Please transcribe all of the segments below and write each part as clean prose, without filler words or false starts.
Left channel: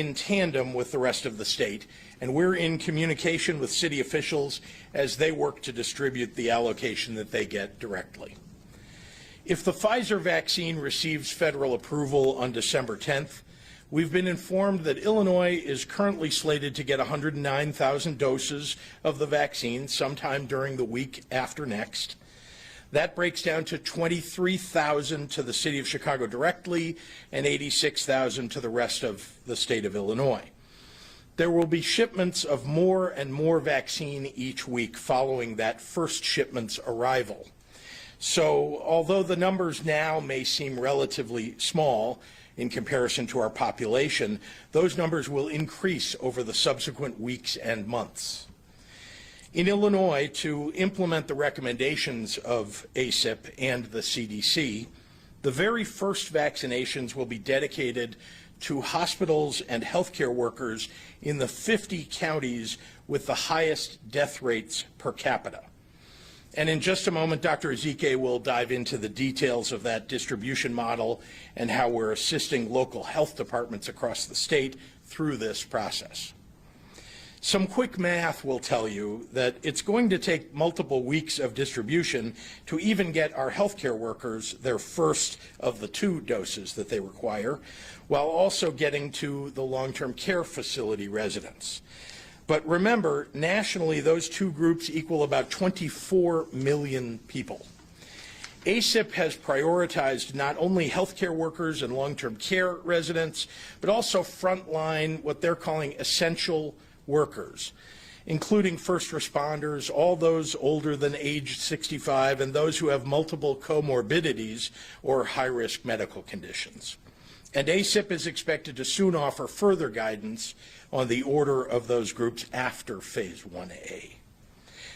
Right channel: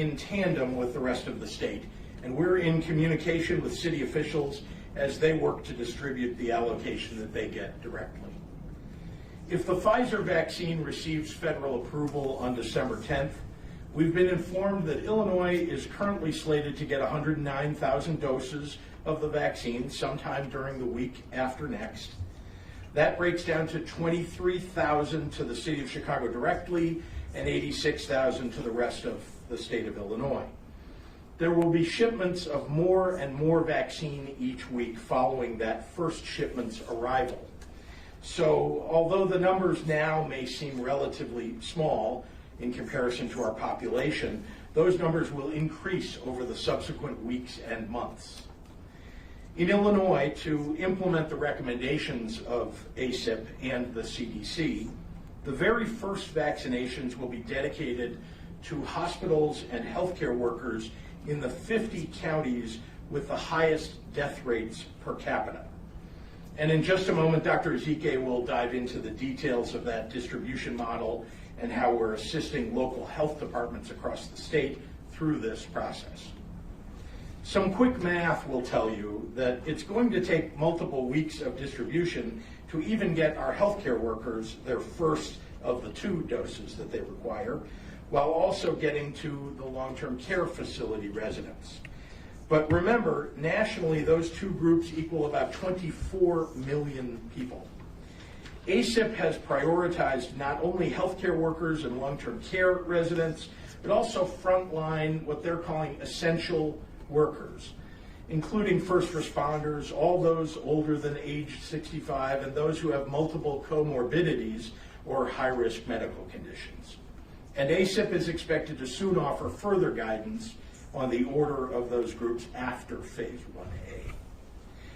in tandem with the rest of the state, and we're in communication with city officials as they work to distribute the allocation that they get directly. If the Pfizer vaccine receives federal approval on December 10th, we've been informed that Illinois is currently slated to get 109,000 doses of the vaccine sometime during the week after next. That breaks down to 23,000 to the city of Chicago directly and 86,000 to the rest of the state of Illinois. There will be shipments of more and more vaccine each week following that first shipment's arrival. So although the numbers now may seem relatively small in comparison to our population, those numbers will increase over the subsequent weeks and months. In Illinois, to implement the recommendations of ACIP and the CDC, the very first vaccinations will be dedicated to hospitals and healthcare workers in the 50 counties with the highest death rates per capita. And in just a moment, Dr. Zike will dive into the details of that distribution model and how we're assisting local health departments across the state through this process. Some quick math will tell you that it's going to take multiple weeks of distribution to even get our healthcare workers their first of the 2 doses that they require, while also getting to the long-term care facility residents. But remember, nationally, those 2 groups equal about 24 million people. ACIP has prioritized not only healthcare workers and long-term care residents, but also frontline, what they're calling essential workers, including first responders, all those older than age 65, and those who have multiple comorbidities or high-risk medical conditions. And ACIP is expected to soon offer further guidance on the order of those groups after Phase 1A.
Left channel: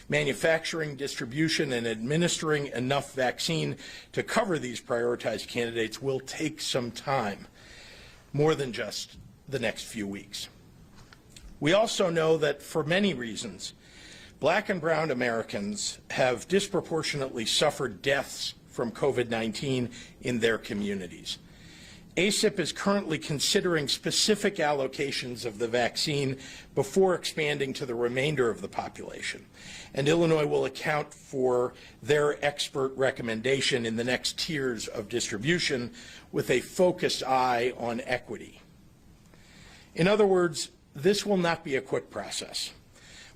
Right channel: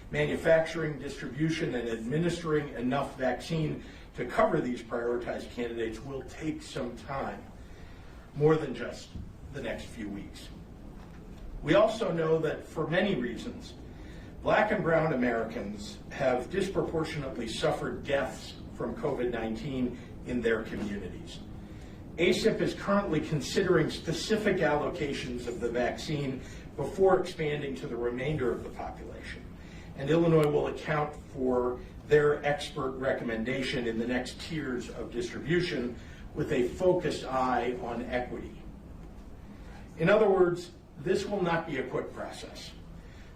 Manufacturing, distribution, and administering enough vaccine to cover these prioritized candidates will take some time, more than just the next few weeks. We also know that for many reasons, Black and brown Americans have disproportionately suffered deaths from COVID-19 in their communities. ACIP is currently considering specific allocations of the vaccine before expanding to the remainder of the population. And Illinois will account for their expert recommendation in the next tiers of distribution with a focused eye on equity. In other words, this will not be a quick process.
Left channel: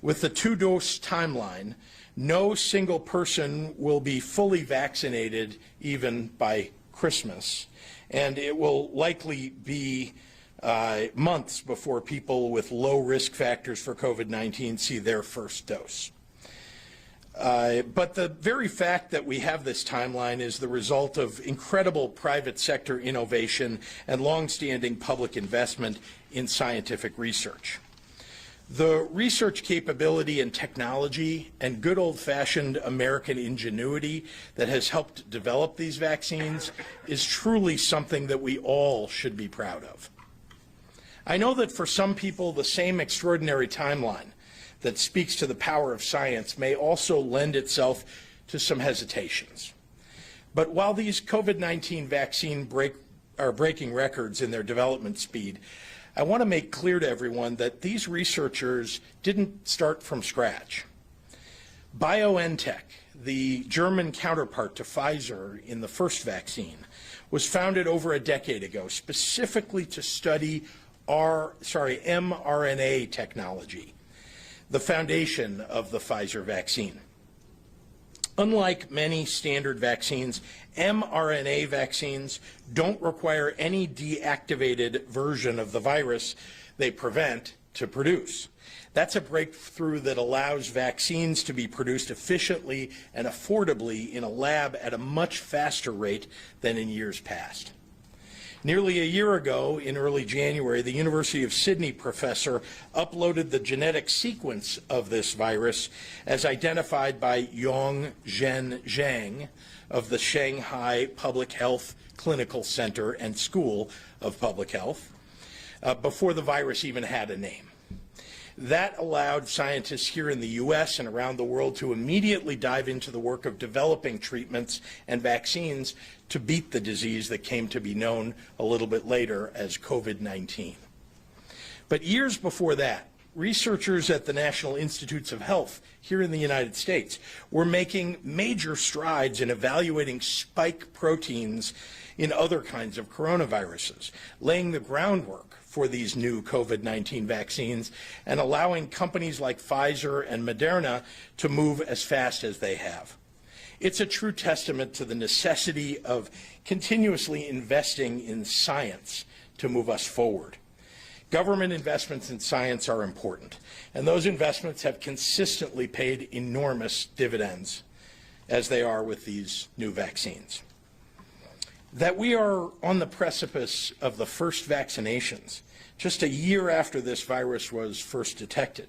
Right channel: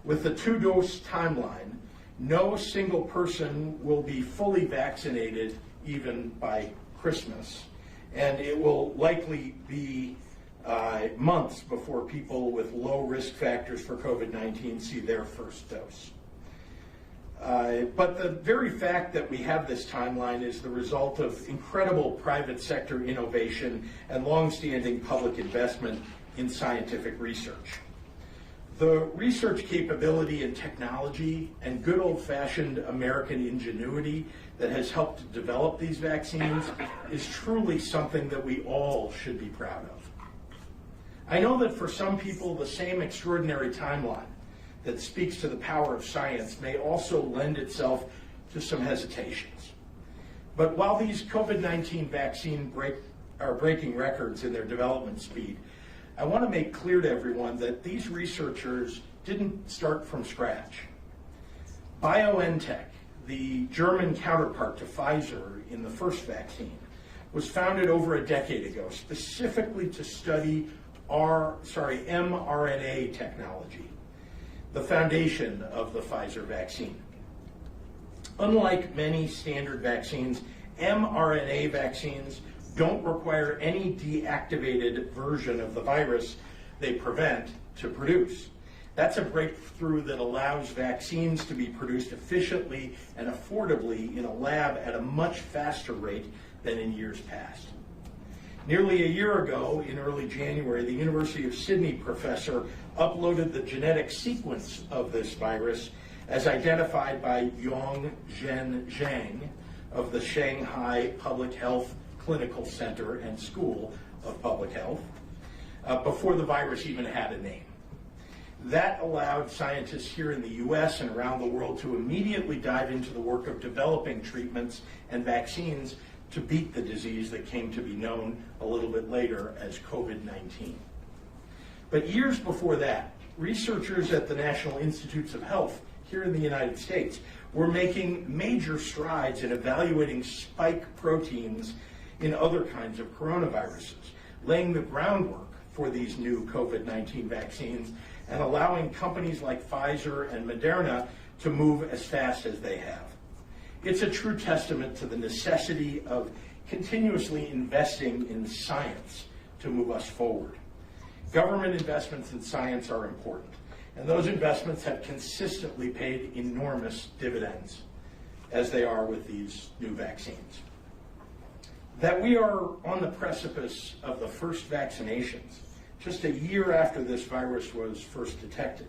With the 2-dose timeline, no single person will be fully vaccinated even by Christmas, and it will likely be months before people with low risk factors for COVID-19 see their first dose. But the very fact that we have this timeline is the result of incredible private sector innovation and longstanding public investment in scientific research. The research capability and technology and good old-fashioned American ingenuity that has helped develop these vaccines is truly something that we all should be proud of. I know that for some people, the same extraordinary timeline that speaks to the power of science may also lend itself to some hesitations. But while these COVID-19 vaccines are breaking records in their development speed, I want to make clear to everyone that these researchers didn't start from scratch. BioNTech, the German counterpart to Pfizer in the first vaccine, was founded over a decade ago specifically to study mRNA technology, the foundation of the Pfizer vaccine. Unlike many standard vaccines, mRNA vaccines don't require any deactivated version of the virus they prevent to produce. That's a breakthrough that allows vaccines to be produced efficiently and affordably in a lab at a much faster rate than in years past. Nearly a year ago, in early January, the University of Sydney professor uploaded the genetic sequence of this virus as identified by Yongzhen Zhang of the Shanghai Public Health Clinical Center and School of Public Health, before the virus even had a name. That allowed scientists here in the US and around the world to immediately dive into the work of developing treatments and vaccines to beat the disease that came to be known a little bit later as COVID-19. But years before that, researchers at the National Institutes of Health here in the United States were making major strides in evaluating spike proteins in other kinds of coronaviruses, laying the groundwork for these new COVID-19 vaccines and allowing companies like Pfizer and Moderna to move as fast as they have. It's a true testament to the necessity of continuously investing in science to move us forward. Government investments in science are important, and those investments have consistently paid enormous dividends, as they are with these new vaccines. That we are on the precipice of the first vaccinations, just a year after this virus was first detected,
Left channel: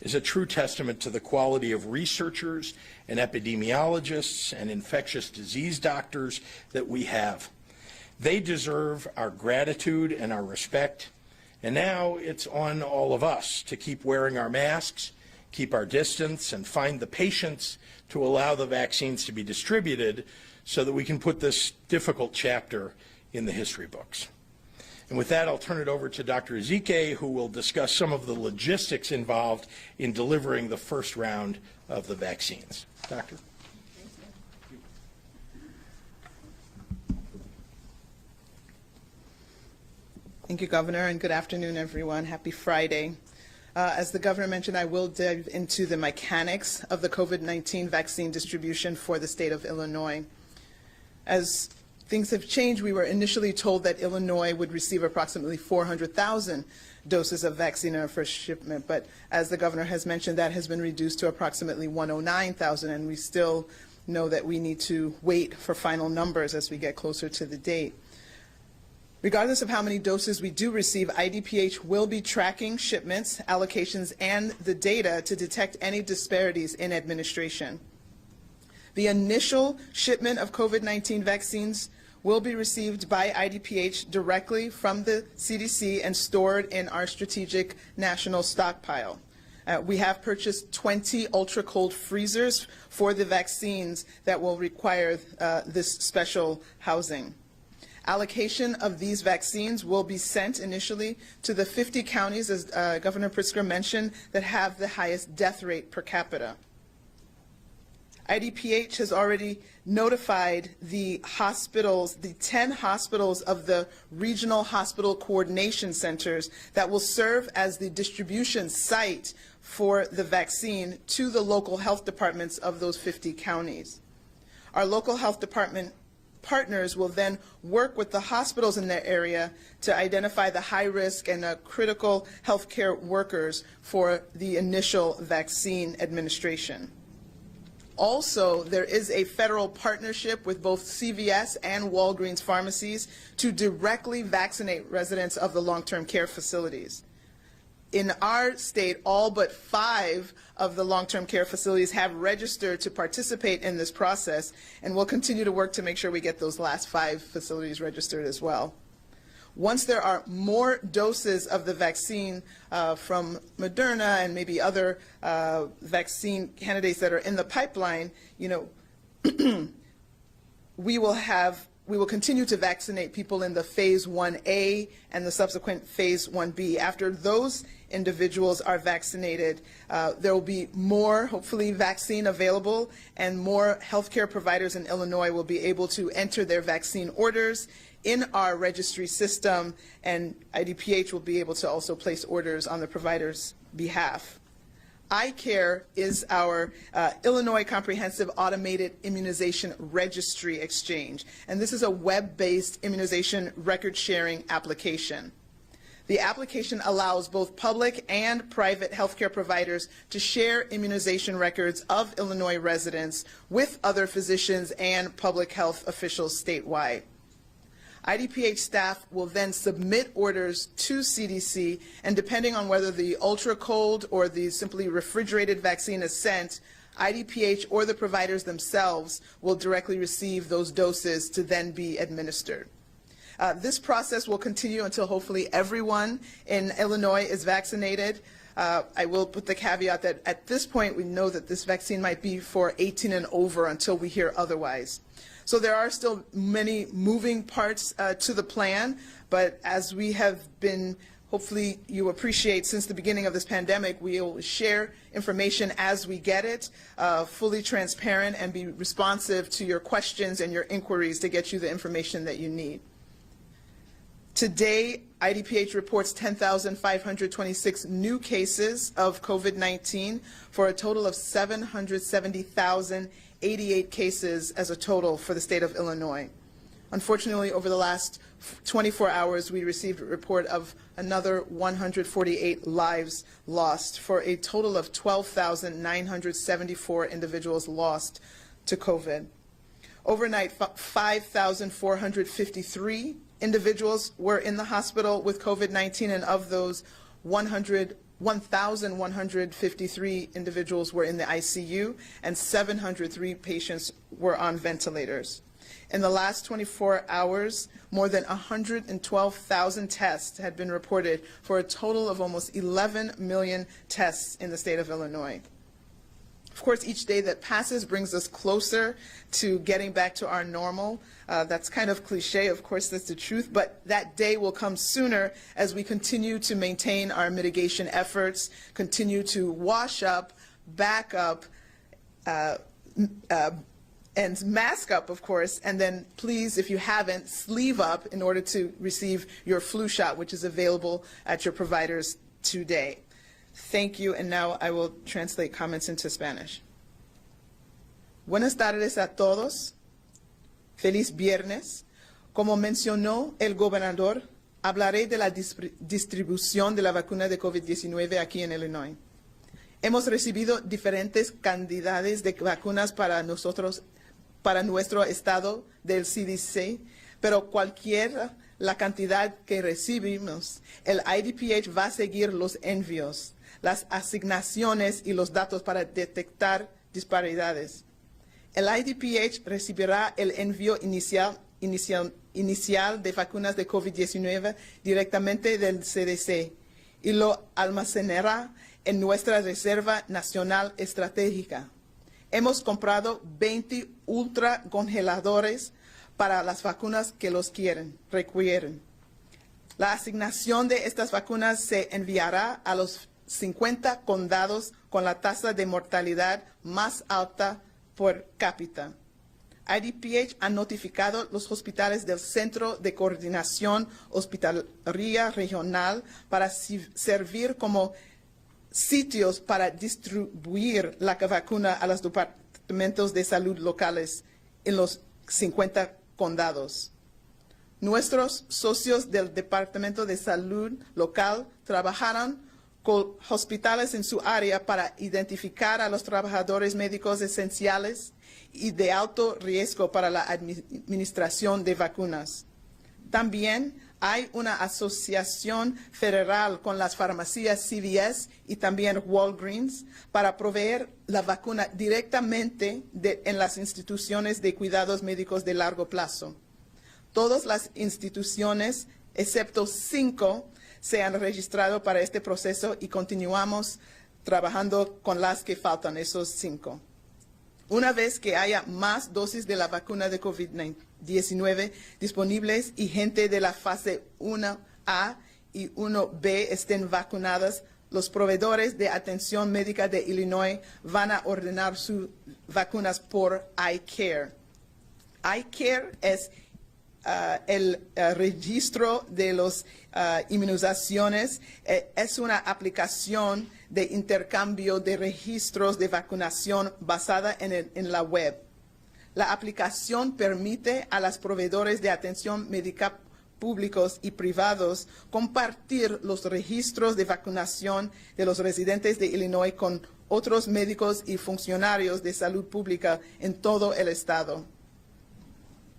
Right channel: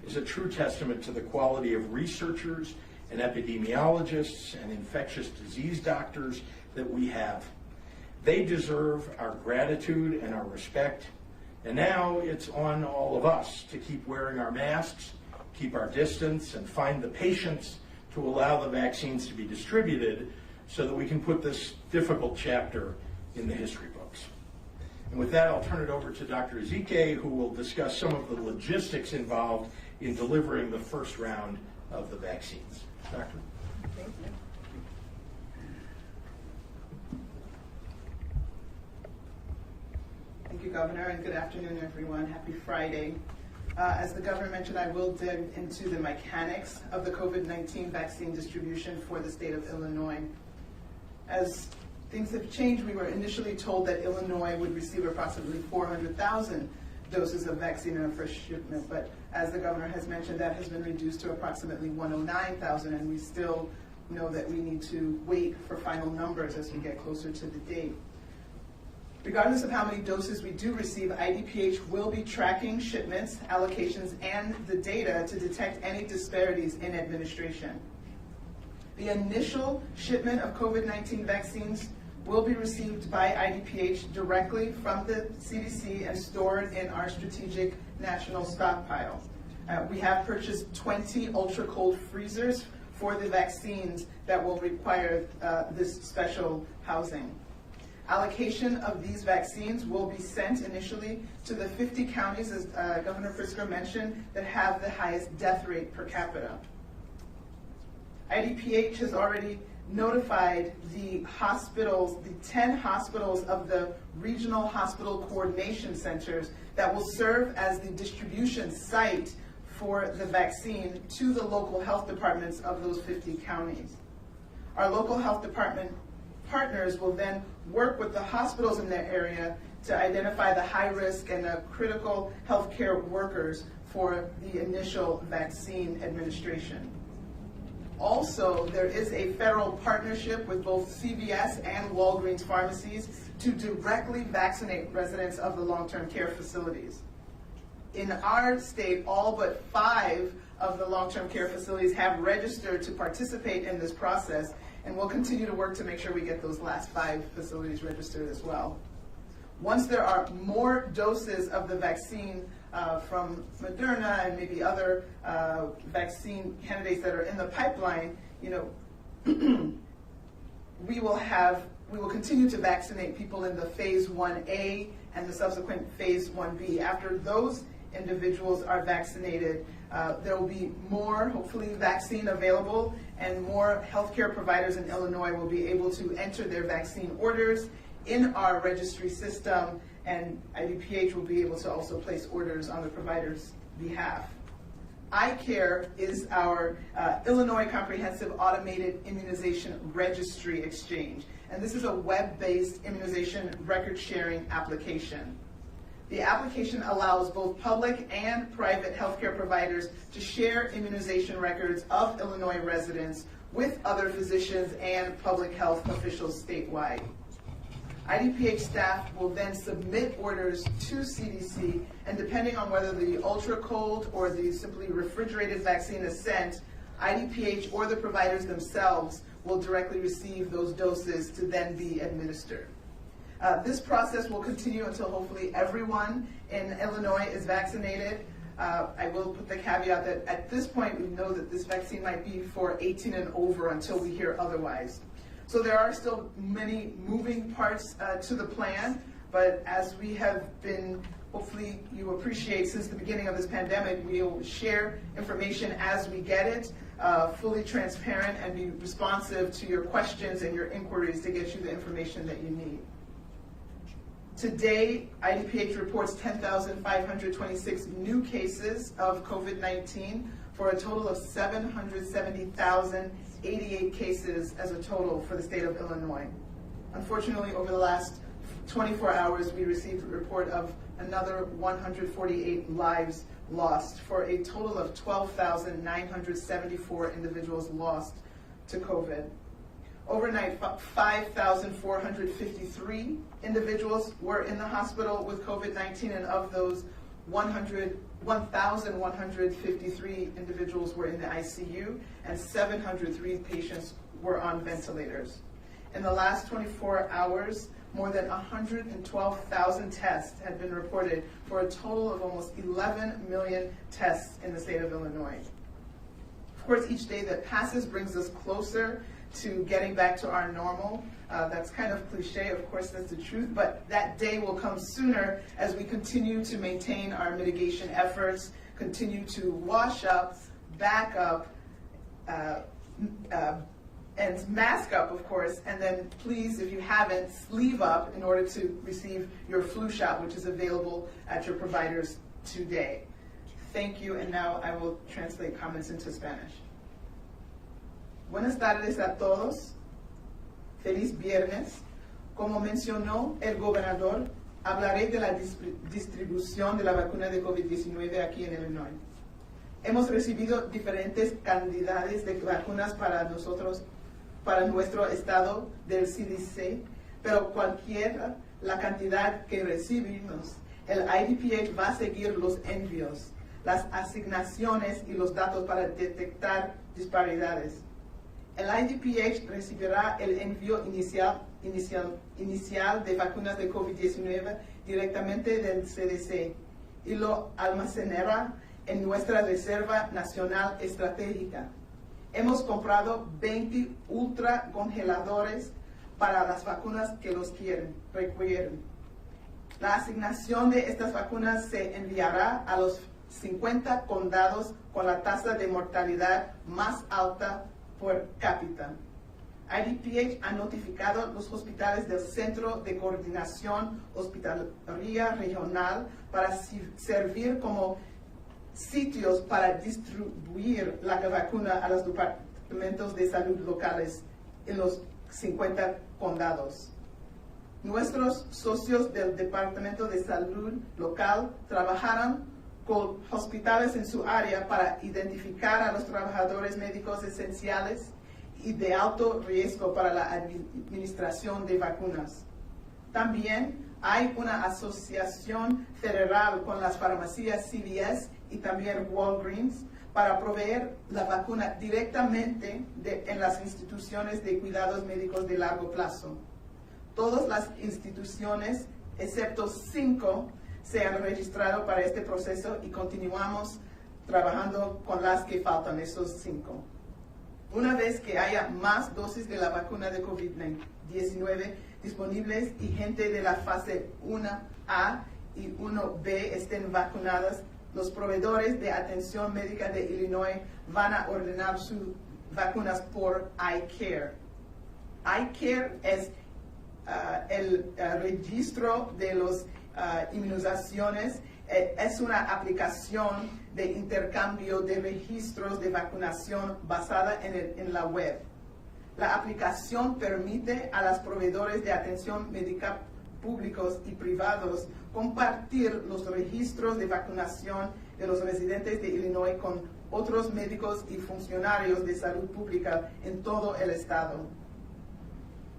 is a true testament to the quality of researchers and epidemiologists and infectious disease doctors that we have. They deserve our gratitude and our respect, and now it's on all of us to keep wearing our masks, keep our distance, and find the patience to allow the vaccines to be distributed so that we can put this difficult chapter in the history books. And with that, I'll turn it over to Dr. Zike, who will discuss some of the logistics involved in delivering the first round of the vaccines. Doctor. Thank you, Governor, and good afternoon, everyone. Happy Friday. As the Governor mentioned, I will dive into the mechanics of the COVID-19 vaccine distribution for the state of Illinois. As things have changed, we were initially told that Illinois would receive approximately 400,000 doses of vaccine in our first shipment, but as the Governor has mentioned, that has been reduced to approximately 109,000, and we still know that we need to wait for final numbers as we get closer to the date. Regardless of how many doses we do receive, IDPH will be tracking shipments, allocations, and the data to detect any disparities in administration. The initial shipment of COVID-19 vaccines will be received by IDPH directly from the CDC and stored in our strategic national stockpile. We have purchased 20 ultra-cold freezers for the vaccines that will require this special housing. Allocation of these vaccines will be sent initially to the 50 counties, as Governor Pritzker mentioned, that have the highest death rate per capita. IDPH has already notified the hospitals, the 10 hospitals of the regional hospital coordination centers that will serve as the distribution site for the vaccine to the local health departments of those 50 counties. Our local health department partners will then work with the hospitals in their area to identify the high risk and critical healthcare workers for the initial vaccine administration. Also, there is a federal partnership with both CVS and Walgreens pharmacies to directly vaccinate residents of the long-term care facilities. In our state, all but 5 of the long-term care facilities have registered to participate in this process, and we'll continue to work to make sure we get those last 5 facilities registered as well. Once there are more doses of the vaccine from Moderna and maybe other vaccine candidates that are in the pipeline, we will continue to vaccinate people in the phase 1A and the subsequent phase 1B. After those individuals are vaccinated, there will be more, hopefully, vaccine available, and more healthcare providers in Illinois will be able to enter their vaccine orders in our registry system, and IDPH will be able to also place orders on the provider's behalf. iCare is our Illinois Comprehensive Automated Immunization Registry Exchange, and this is a web-based immunization record-sharing application. The application allows both public and private healthcare providers to share immunization records of Illinois residents with other physicians and public health officials statewide. IDPH staff will then submit orders to CDC, and depending on whether the ultra-cold or the simply refrigerated vaccine is sent, IDPH or the providers themselves will directly receive those doses to then be administered. This process will continue until hopefully everyone in Illinois is vaccinated. I will put the caveat that at this point we know that this vaccine might be for 18 and over until we hear otherwise. So there are still many moving parts to the plan, but as we have been hopefully you appreciate, since the beginning of this pandemic, we'll share information as we get it, fully transparent, and be responsive to your questions and your inquiries to get you the information that you need. Today, IDPH reports 10,526 new cases of COVID-19 for a total of 770,088 cases as a total for the state of Illinois. Unfortunately, over the last 24 hours, we received a report of another 148 lives lost, for a total of 12,974 individuals lost to COVID. Overnight, 5,453 individuals were in the hospital with COVID-19, and of those, 1,153 individuals were in the ICU, and 703 patients were on ventilators. In the last 24 hours, more than 112,000 tests had been reported, for a total of almost 11 million tests in the state of Illinois. Of course, each day that passes brings us closer to getting back to our normal. That's kind of cliche, of course that's the truth, but that day will come sooner as we continue to maintain our mitigation efforts, continue to wash up, back up, and mask up, of course, and then please, if you haven't, sleeve up in order to receive your flu shot, which is available at your providers today. Thank you, and now I will translate comments into Spanish. Buenas tardes a todos. Feliz viernes. Como mencionó el gobernador, hablaré de la distribución de la vacuna de COVID-19 aquí en Illinois. Hemos recibido diferentes cantidades de vacunas para nuestro estado del CDC, pero cualquiera la cantidad que recibimos, el IDPH va a seguir los envíos, las asignaciones y los datos para detectar disparidades. El IDPH recibirá el envío inicial de vacunas de COVID-19 directamente del CDC y lo almacenará en nuestra Reserva Nacional Estratégica. Hemos comprado 20 ultracongeladores para las vacunas que los requieren. La asignación de estas vacunas se enviará a los 50 condados con la tasa de mortalidad más alta por cápita. IDPH ha notificado los hospitales del Centro de Coordinación Hospitalaria Regional para servir como sitios para distribuir la vacuna a los departamentos de salud locales en los 50 condados. Nuestros socios del Departamento de Salud local trabajaron con hospitales en su área para identificar a los trabajadores médicos esenciales y de alto riesgo para la administración de vacunas. También hay una asociación federal con las farmacias CVS y también Walgreens para proveer la vacuna directamente en las instituciones de cuidados médicos de largo plazo. Todas las instituciones, excepto 5, se han registrado para este proceso y continuamos trabajando con las que faltan, esos 5. Una vez que haya más dosis de la vacuna de COVID-19 disponibles y gente de la fase 1A y 1B estén vacunadas, los proveedores de atención médica de Illinois van a ordenar sus vacunas por iCare. iCare es el registro de las inmunizaciones. Es una aplicación de intercambio de registros de vacunación basada en la web. La aplicación permite a los proveedores de atención médica públicos y privados compartir los registros de vacunación de los residentes de Illinois con otros médicos y funcionarios de salud pública en todo el estado.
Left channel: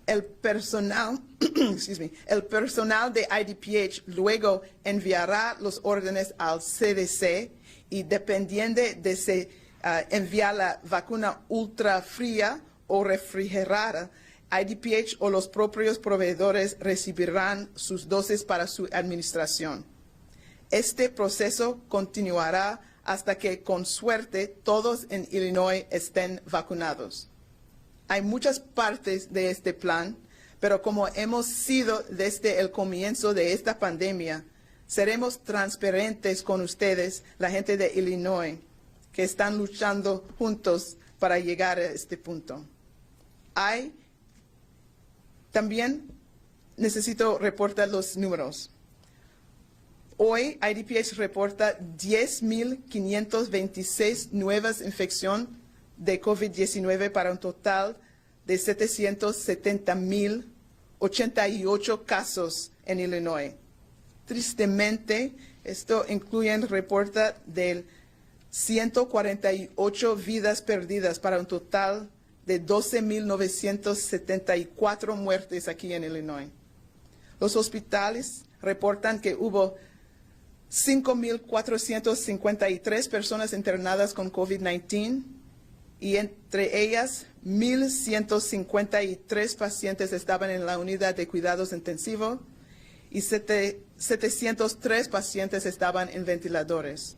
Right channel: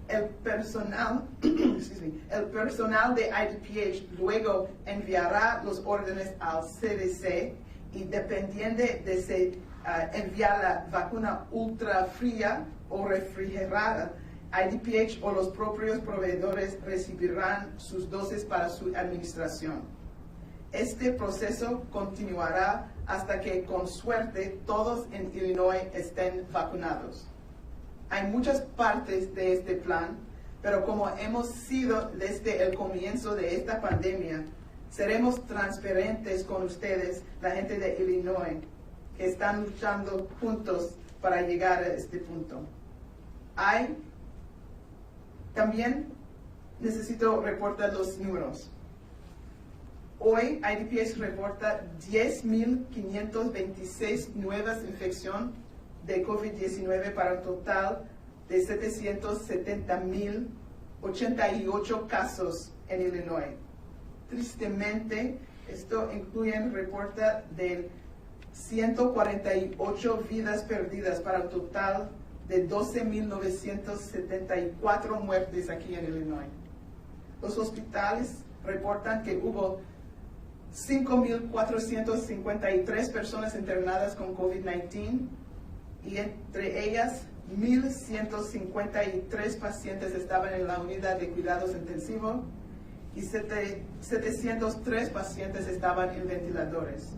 El personal de IDPH luego enviará los órdenes al CDC y dependiendo de si envía la vacuna ultra fría o refrigerada, IDPH o los propios proveedores recibirán sus dosis para su administración. Este proceso continuará hasta que, con suerte, todos en Illinois estén vacunados. Hay muchas partes de este plan, pero como hemos sido desde el comienzo de esta pandemia, Seremos transparentes con ustedes, la gente de Illinois, que están luchando juntos para llegar a este punto. También necesito reportar los números. Hoy, IDPH reporta 10.526 nuevas infecciones de COVID-19 para un total de 770.088 casos en Illinois. Tristemente, esto incluye el reporte de 148 vidas perdidas para un total de 12.974 muertes aquí en Illinois. Los hospitales reportan que hubo 5.453 personas internadas con COVID-19 y entre ellas 1.153 pacientes estaban en la unidad de cuidados intensivos y 703 pacientes estaban en ventiladores.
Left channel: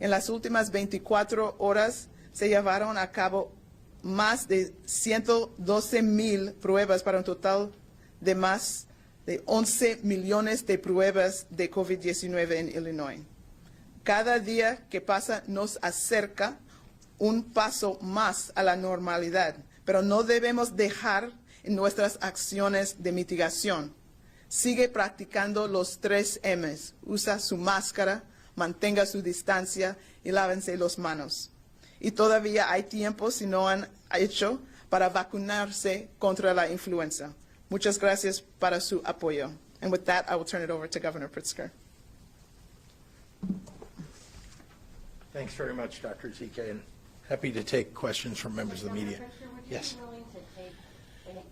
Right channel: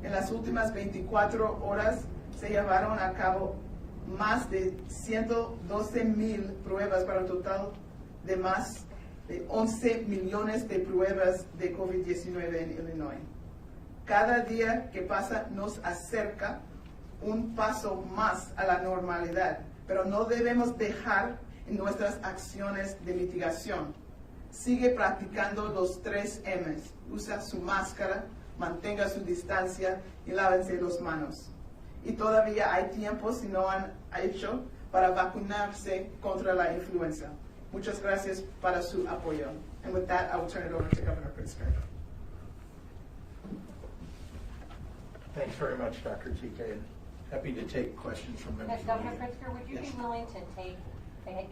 En las últimas 24 horas se llevaron a cabo más de 112,000 pruebas para un total de más de 11 millones de pruebas de COVID-19 en Illinois. Cada día que pasa nos acerca un paso más a la normalidad, pero no debemos dejar en nuestras acciones de mitigación. Sigue practicando los 3 M's. Usa su máscara, mantenga su distancia y lávense las manos. Y todavía hay tiempo, si no han hecho, para vacunarse contra la influenza. Muchas gracias para su apoyo. And with that, I will turn it over to Governor Pritzker. Thanks very much, Dr. Zike, and happy to take questions from members of the media. Governor Pritzker, would you Yes. be willing to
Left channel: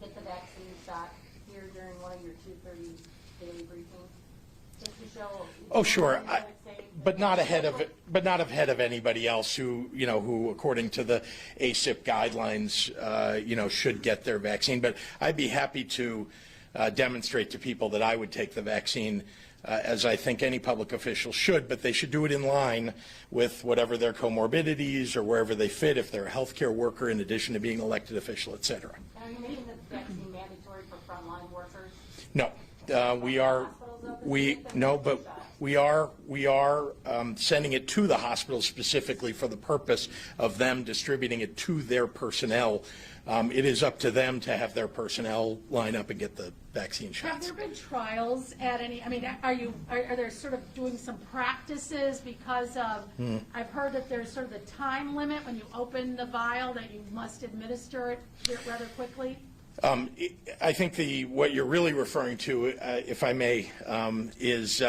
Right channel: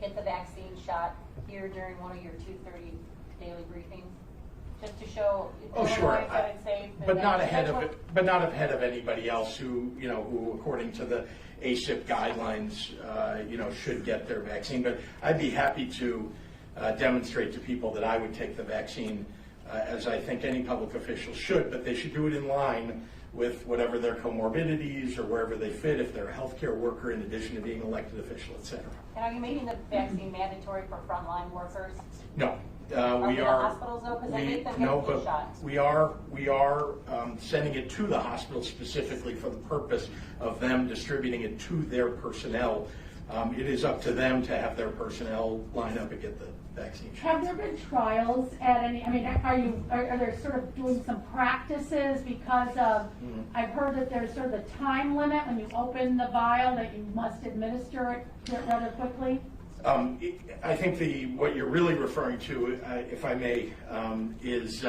get the vaccine shot here during one of your 2:30 daily briefings? Just to show. Oh, sure. I would say But that not that's ahead of what- it, but not ahead of anybody else who, who according to the ACIP guidelines, should get their vaccine. But I'd be happy to demonstrate to people that I would take the vaccine, as I think any public official should, but they should do it in line with whatever their comorbidities or wherever they fit, if they're a healthcare worker in addition to being elected official, et cetera. And are you making the vaccine mandatory for frontline workers? No. We the are, hospitals open? They take them no, with the but shots. we are sending it to the hospitals specifically for the purpose of them distributing it to their personnel. It is up to them to have their personnel line up and get the vaccine Have shots. there been trials at any, are there sort of doing some practices because of, I've heard that there's sort of the time limit when you open the vial that you must administer it rather quickly? I think what you're really referring to, if I may, is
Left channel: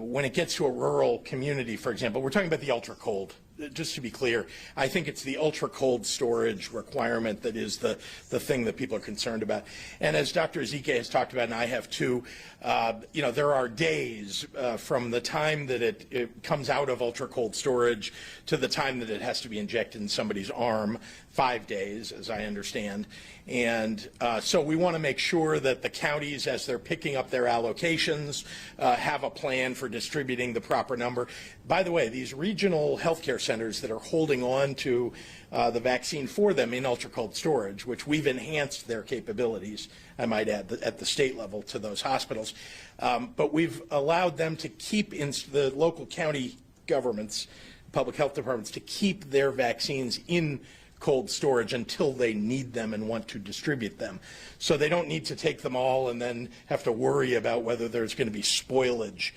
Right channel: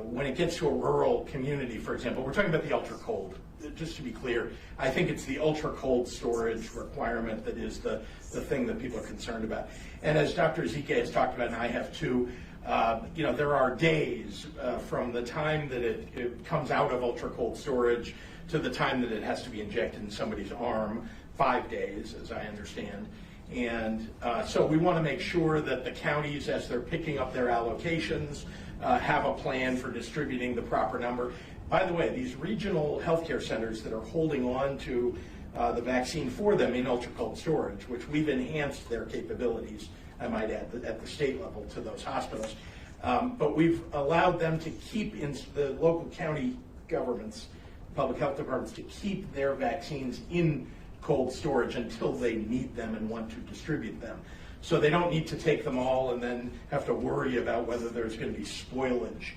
when it gets to a rural community, for example, we're talking about the ultra cold. Just to be clear, I think it's the ultra cold storage requirement that is the thing that people are concerned about. And as Dr. Zike has talked about, and I have too, there are days from the time that it comes out of ultra cold storage to the time that it has to be injected in somebody's arm, 5 days, as I understand. And so we want to make sure that the counties, as they're picking up their allocations, have a plan for distributing the proper number. By the way, these regional healthcare centers that are holding on to the vaccine for them in ultra-cold storage, which we've enhanced their capabilities, I might add, at the state level to those hospitals. But we've allowed them to keep in the local county governments, public health departments, to keep their vaccines in cold storage until they need them and want to distribute them. So they don't need to take them all and then have to worry about whether there's going to be spoilage.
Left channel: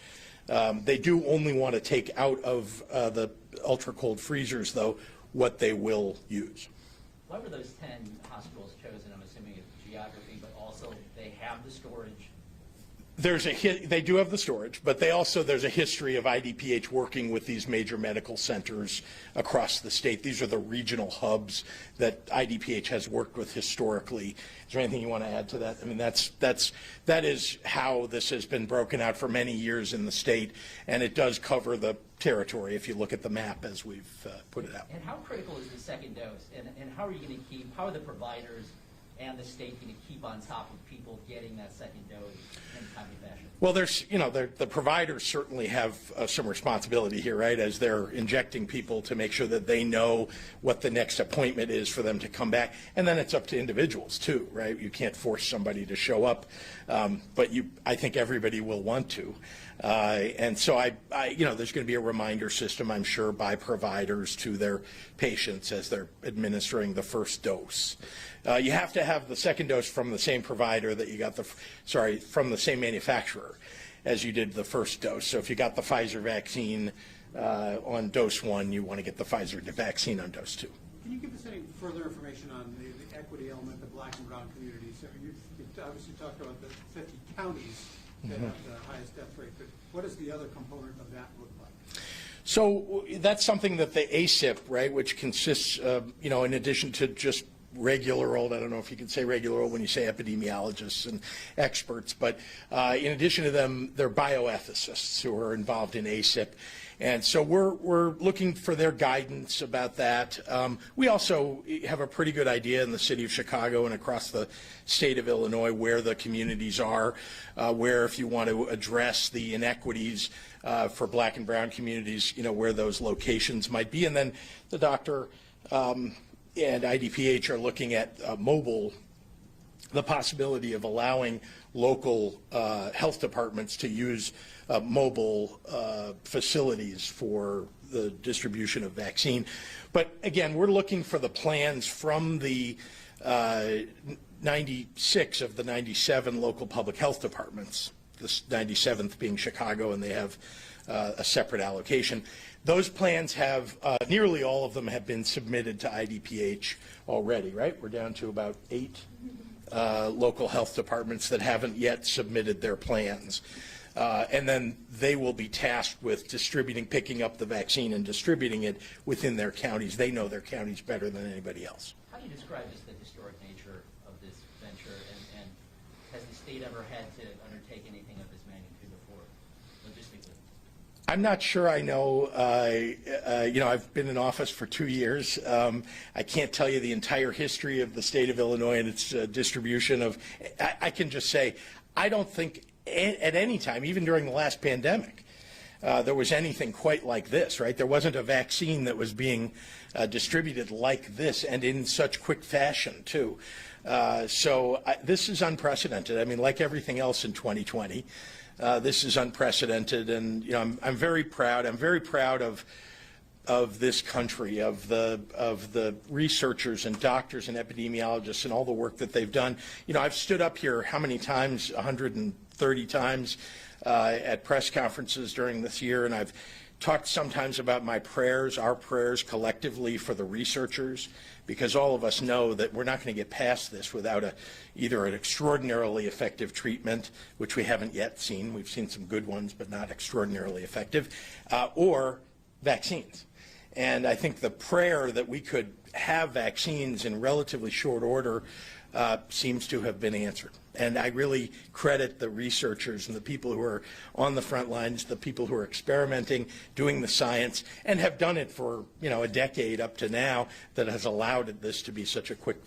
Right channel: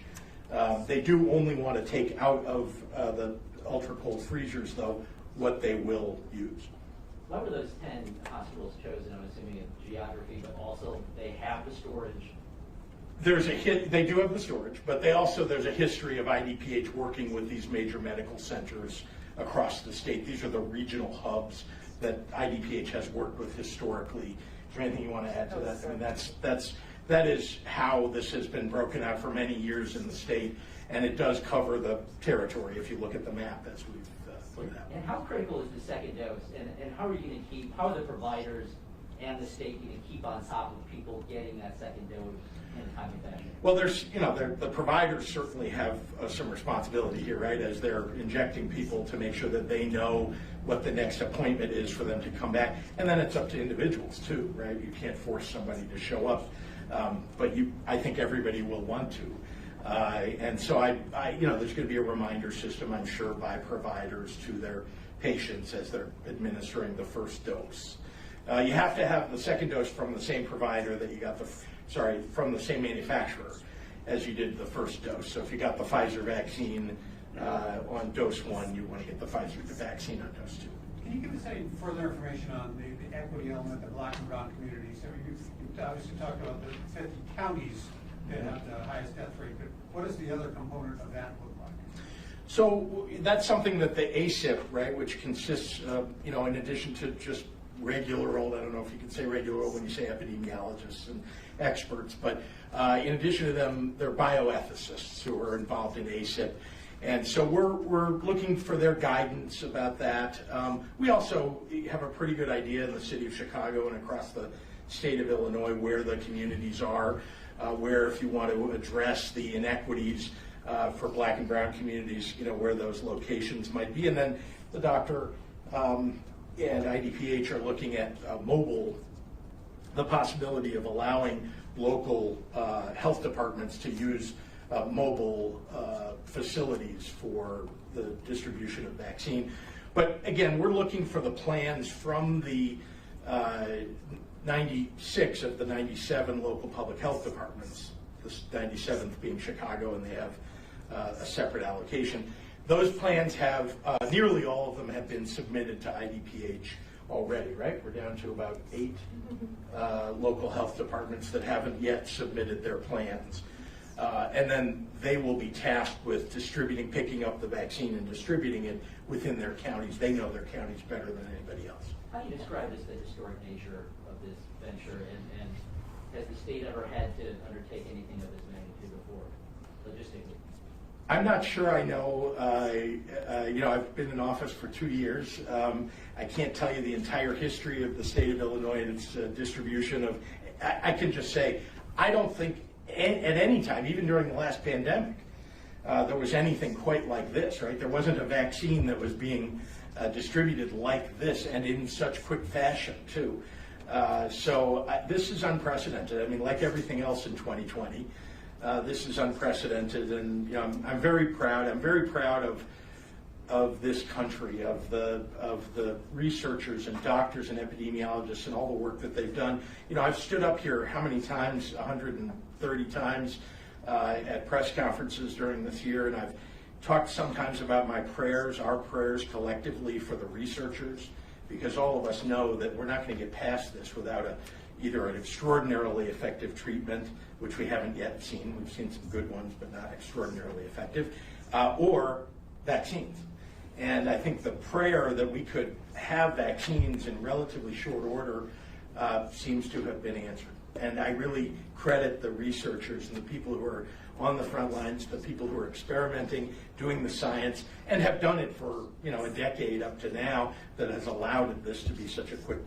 They do only want to take out of the ultra-cold freezers, though, what they will use. Why were those 10 hospitals chosen? I'm assuming it's geography, but also they have the storage. They do have the storage, but there's a history of IDPH working with these major medical centers across the state. These are the regional hubs that IDPH has worked with historically. Is there anything you want to add to that? I mean, that is how this has been broken out for many years in the state, and it does cover the territory if you look at the map as we've put it out. And how critical is the second dose? And how are you going to how are the providers and the state going to keep on top of people getting that second dose in a timely fashion? Well, the providers certainly have some responsibility here, right, as they're injecting people to make sure that they know what the next appointment is for them to come back. And then it's up to individuals too, right? You can't force somebody to show up, but I think everybody will want to. And so there's going to be a reminder system, I'm sure, by providers to their patients as they're administering the first dose. You have to have the second dose from the same provider that you got from the same manufacturer as you did the first dose. So if you got the Pfizer vaccine on dose 1, you want to get the Pfizer vaccine on dose 2. Can you give us any further information on the equity element, the black and brown communities? So you obviously talked about the 50 counties that have the highest death rate, but what does the other component of that look like? So that's something that the ACIP, right, which consists of, in addition to just regular old, I don't know if you can say regular old when you say epidemiologists and experts, but in addition to them, they're bioethicists who are involved in ACIP. And so we're looking for their guidance about that. We also have a pretty good idea in the city of Chicago and across the state of Illinois where the communities are, where if you want to address the inequities for black and brown communities, where those locations might be. And then the doctor and IDPH are looking at the possibility of allowing local health departments to use mobile facilities for the distribution of vaccine. But again, we're looking for the plans from the 96 of the 97 local public health departments, this 97th being Chicago, and they have a separate allocation. Those plans have, nearly all of them have been submitted to IDPH already, right? We're down to about 8 local health departments that haven't yet submitted their plans. And then they will be tasked with picking up the vaccine and distributing it within their counties. They know their counties better than anybody else. How do you describe the historic nature of this venture, and has the state ever had to undertake anything of this magnitude before, logistically? I'm not sure I know. I've been in office for 2 years. I can't tell you the entire history of the state of Illinois and its distribution of. I can just say I don't think at any time, even during the last pandemic, there was anything quite like this. Right? There wasn't a vaccine that was being distributed like this and in such quick fashion too. So this is unprecedented. I mean, like everything else in 2020. This is unprecedented, and I'm very proud. I'm very proud of this country, of the researchers and doctors and epidemiologists and all the work that they've done. I've stood up here how many times? 130 times at press conferences during this year, and I've talked sometimes about my prayers, our prayers collectively for the researchers, because all of us know that we're not going to get past this without either an extraordinarily effective treatment, which we haven't yet seen. We've seen some good ones, but not extraordinarily effective, or vaccines. And I think the prayer that we could have vaccines in relatively short order seems to have been answered. And I really credit the researchers and the people who are on the front lines, the people who are experimenting, doing the science, and have done it for a decade up to now, that has allowed this to be such a quick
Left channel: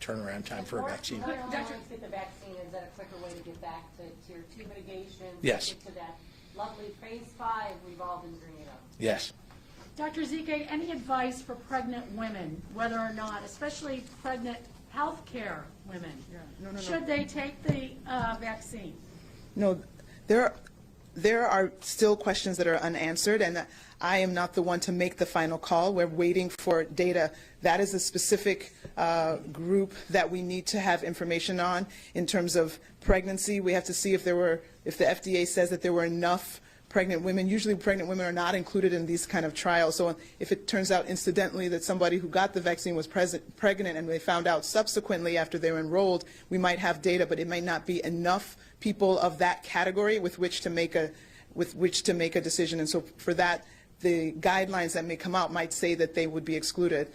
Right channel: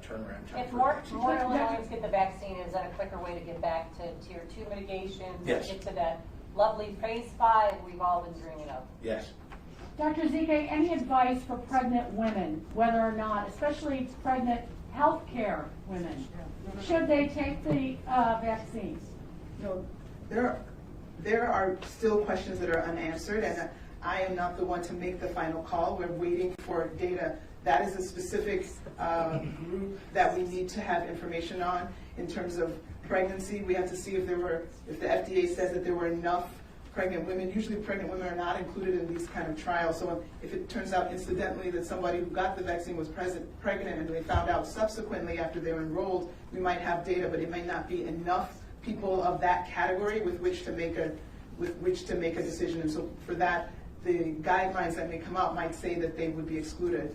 turnaround time for a vaccine. More allowing to get the vaccine, is that a quicker way to get back to tier 2 mitigation? Yes. Get to that lovely phase 5 we've all been dreaming of. Yes. Dr. Zike, any advice for pregnant women, whether or not, especially pregnant healthcare women, should they take the vaccine? No, there are still questions that are unanswered, and I am not the one to make the final call. We're waiting for data. That is a specific group that we need to have information on in terms of pregnancy. We have to see if the FDA says that there were enough pregnant women. Usually pregnant women are not included in these kind of trials. So if it turns out incidentally that somebody who got the vaccine was pregnant and they found out subsequently after they were enrolled, we might have data, but it might not be enough people of that category with which to make a decision. And so for that, the guidelines that may come out might say that they would be excluded.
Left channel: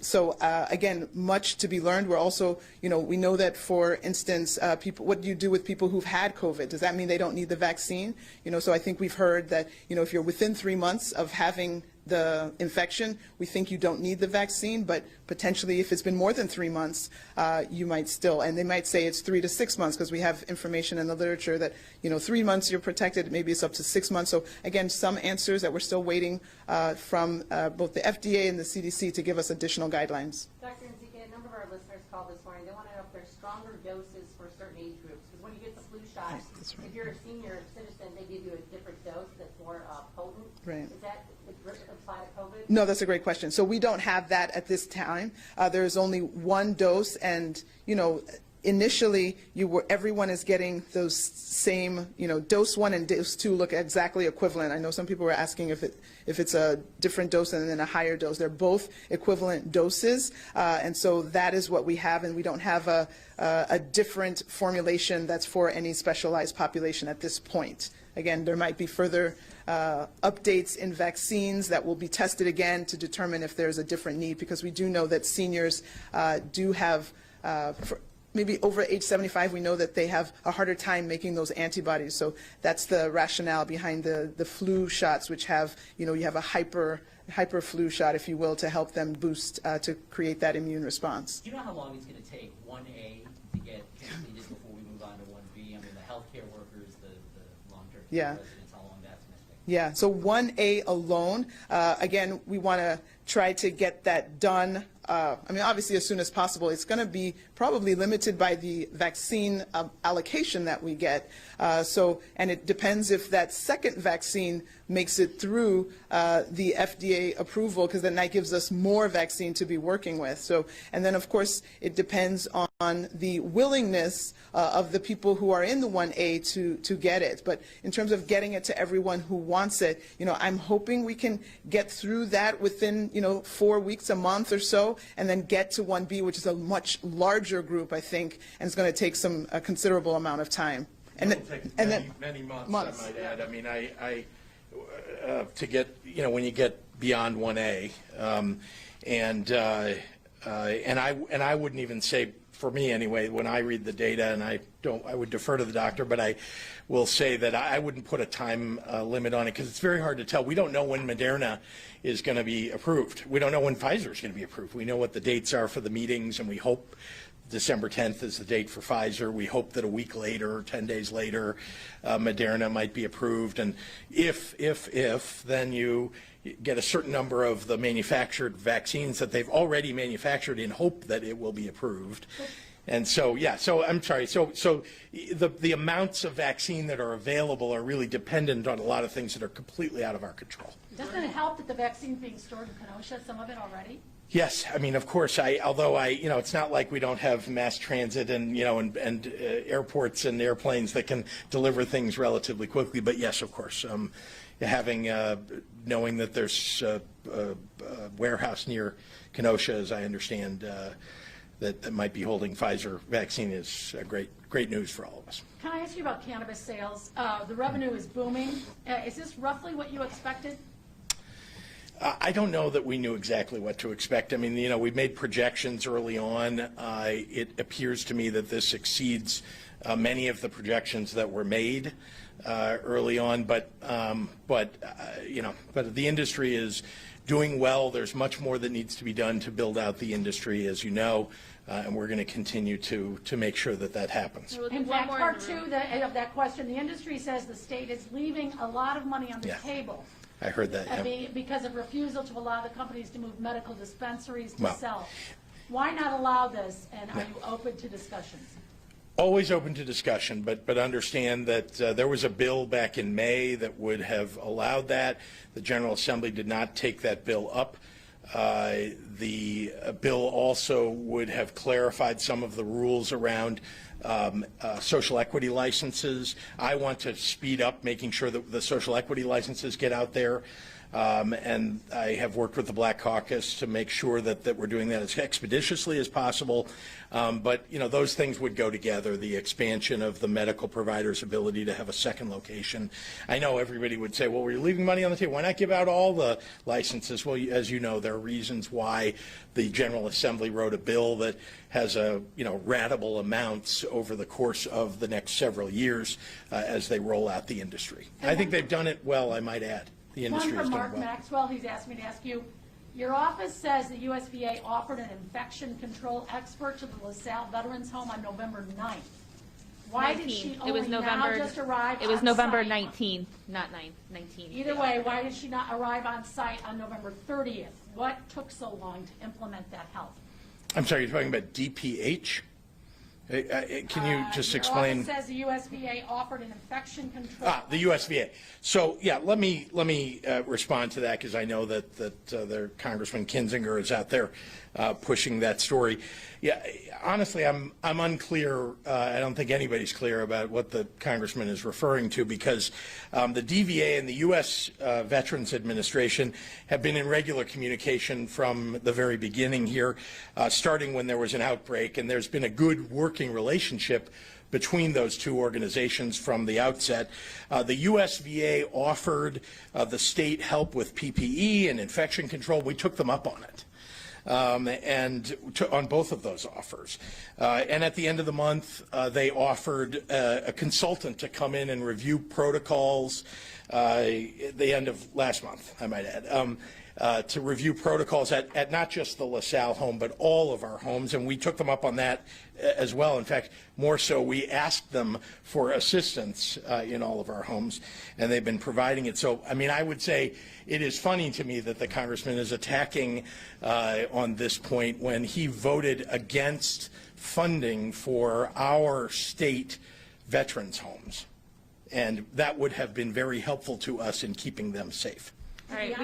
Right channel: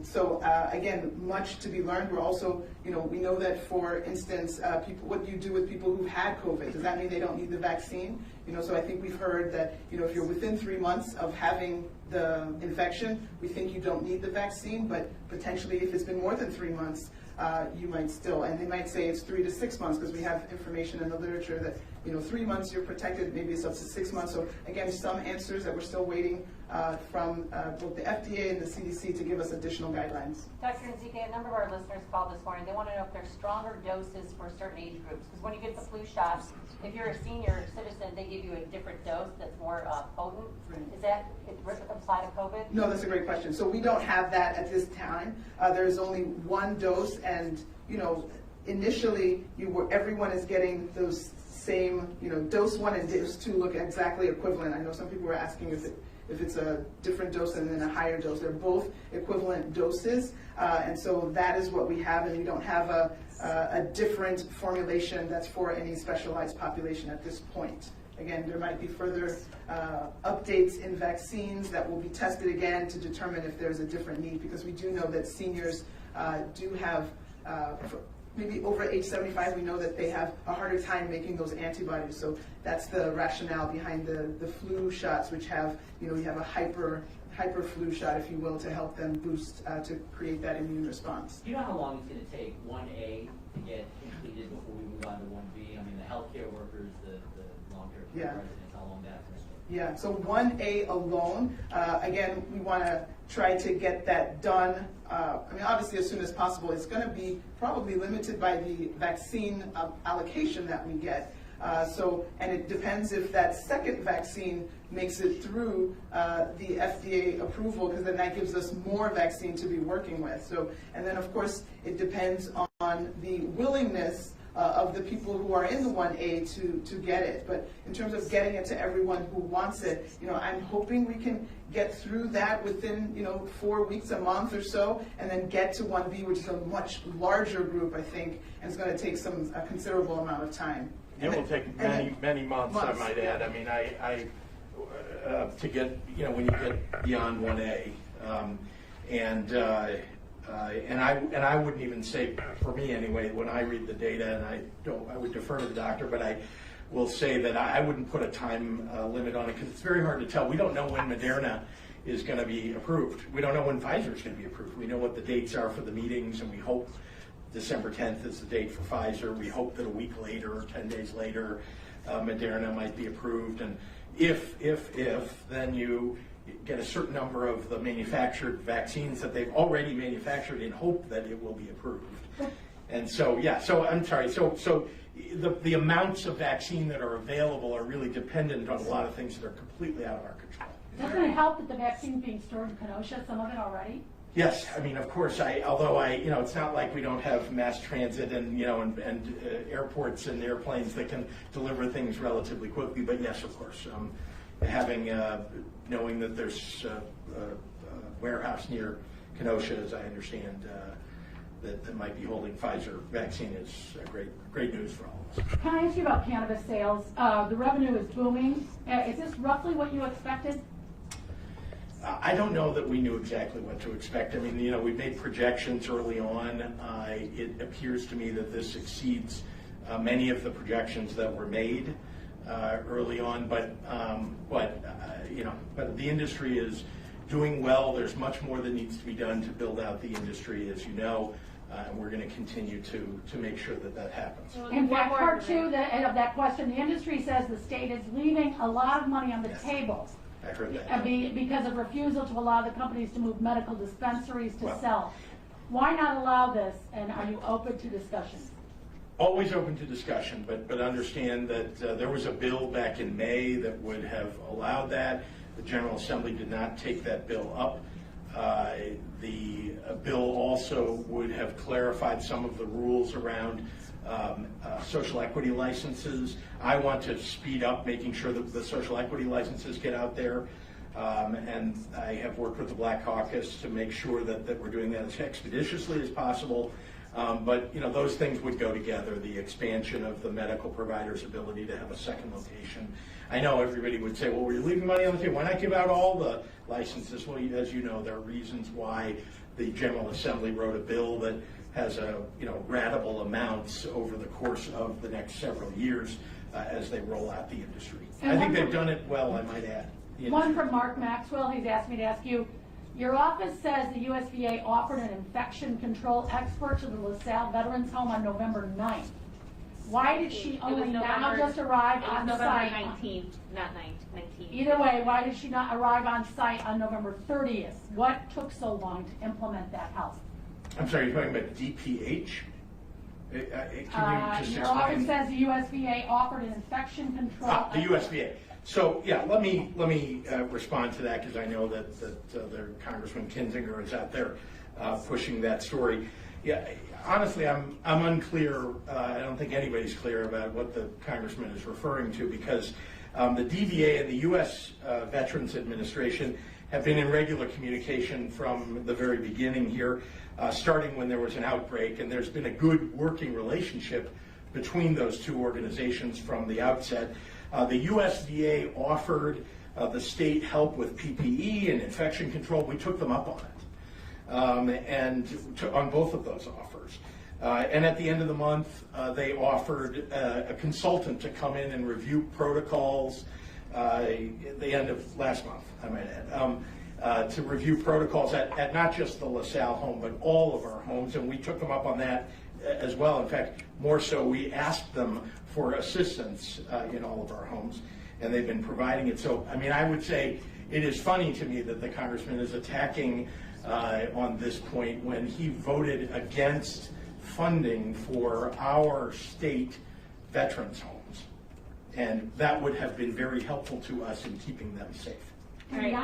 So again, much to be learned. We're also, we know that, for instance, what do you do with people who've had COVID? Does that mean they don't need the vaccine? So I think we've heard that, if you're within 3 months of having the infection, we think you don't need the vaccine, but potentially if it's been more than 3 months, you might still, and they might say it's 3 to 6 months, because we have information in the literature that, 3 months you're protected, maybe it's up to 6 months. So again, some answers that we're still waiting from both the FDA and the CDC to give us additional guidelines. Dr. Zike, a number of our listeners called this morning. They want to know if there's stronger doses for certain age groups. Because when you get the flu shot, if you're a senior citizen, they give you a different dose that's more potent. Right. Is that apply to COVID? No, that's a great question. So we don't have that at this time. There's only one dose, and initially everyone is getting those same, dose 1 and dose 2 look exactly equivalent. I know some people were asking if it's a different dose and then a higher dose. They're both equivalent doses, and so that is what we have, and we don't have a different formulation that's for any specialized population at this point. Again, there might be further updates in vaccines that will be tested again to determine if there's a different need, because we do know that seniors do have maybe over age 75, we know that they have a harder time making those antibodies. So that's the rationale behind the flu shots, which have, you have a hyper flu shot, if you will, to help them boost, to create that immune response. Do you know how long it's going to take 1A to get completed before we move on to 1B? I mean, the healthcare workers, the long-term care residents, how long that's going to take? Yeah, so 1A alone, again, we want to try to get that done. Obviously as soon as possible. It's going to be probably limited by the vaccine allocation that we get. And it depends if that second vaccine makes it through the FDA approval, because then that gives us more vaccine to be working with. And then of course it depends on the willingness of the people who are in the 1A to get it. But in terms of getting it to everyone who wants it, I'm hoping we can get through that within 4 weeks, a month or so, and then get to 1B, which is a much larger group, I think, and it's going to take a considerable amount of time. And it will take many months, I might add. I mean, to get, when you get beyond 1A, and I wouldn't even say, for me anyway, when I read the data, and I would defer to the doctor, but I will say that I wouldn't put a time limit on it, because it's very hard to tell. We don't know when Moderna is going to be approved. We don't know when Pfizer is going to be approved. We know what the dates are for the meetings, and we hope December 10th is the date for Pfizer. We hope that a week later, 10 days later, Moderna might be approved. And if then you get a certain number of the manufactured vaccines that they've already manufactured in hope that it will be approved. And so, yeah, so I'm sorry, so the amounts of vaccine that are available are really dependent on a lot of things that are completely out of our control. Doesn't it help that the vaccine being stored in Kenosha, some of it already? Yes, I mean, of course, although it's not like we don't have mass transit and, and airports and airplanes that can deliver things relatively quickly, but yes, of course, knowing that there's a warehouse near Kenosha, as I understand, that might be holding Pfizer vaccine is great news for all of us. Can I ask you about cannabis sales? The revenue is booming. Is this roughly what you expected? I don't know that we knew exactly what to expect. I mean, we made projections early on. It appears to me that this exceeds many of the projections that were made early on. But the industry is doing well. There's much more that needs to be done to build out the industry, as you know, and we're going to continue to make sure that happens. In fact, part two of that question, the industry says the state is leaving a lot of money on the table. I heard that. Because of refusal to allow the companies to move medical dispensaries to sell. Why not allow this, and are you open to discussions? Always open to discussion, but understand that there was a bill back in May that would have allowed that. The General Assembly did not take that bill up. The bill also would have clarified some of the rules around social equity licenses. I want to speed up making sure that the social equity licenses get out there. And I have worked with the Black Caucus to make sure that we're doing that as expeditiously as possible. But those things would go together, the expansion of the medical provider's ability to have a second location. I know everybody would say, well, we're leaving money on the table. Why not give out all the licenses? Well, as you know, there are reasons why the General Assembly wrote a bill that has ratable amounts over the course of the next several years as they roll out the industry. I think they've done it well, I might add. The industry one from Mark well. Maxwell, he's asked me to ask you, your office says the USVA offered an infection control expert to the LaSalle Veterans Home on November 9th. Why did she only now just arrive on site? It was November 19th, not 19th. Either way, why did she not arrive on site on November 30th? What took so long to implement that health? I'm sorry, you're talking about DPH? Can you just explain? No, it says the USVA offered an infection control. The USVA. So, yeah, let me respond to that, because I know that their Congressman Kinzinger is out there pushing that story. Yeah, honestly, I'm unclear. I don't think anybody's clear about what the congressman is referring to, because the DVA and the U.S. Veterans Administration have been in regular communication from the very beginning here, starting when there was an outbreak, and there's been a good working relationship between those two organizations from the outset. The USVA offered the state help with PPE and infection control. We took them up on it. On both of those offers. And at the end of the month, they offered a consultant to come in and review protocols, the end of last month, I might add, to review protocols at not just the LaSalle home, but all of our homes, and we took them up on that as well. In fact, more so, we asked them for assistance in all of our homes, and they've been providing it. So, I mean, I would say it is funny to me that the congressman is attacking on this point when he voted against funding for our state veterans homes. And that would have been very helpful to us in keeping them safe. All right,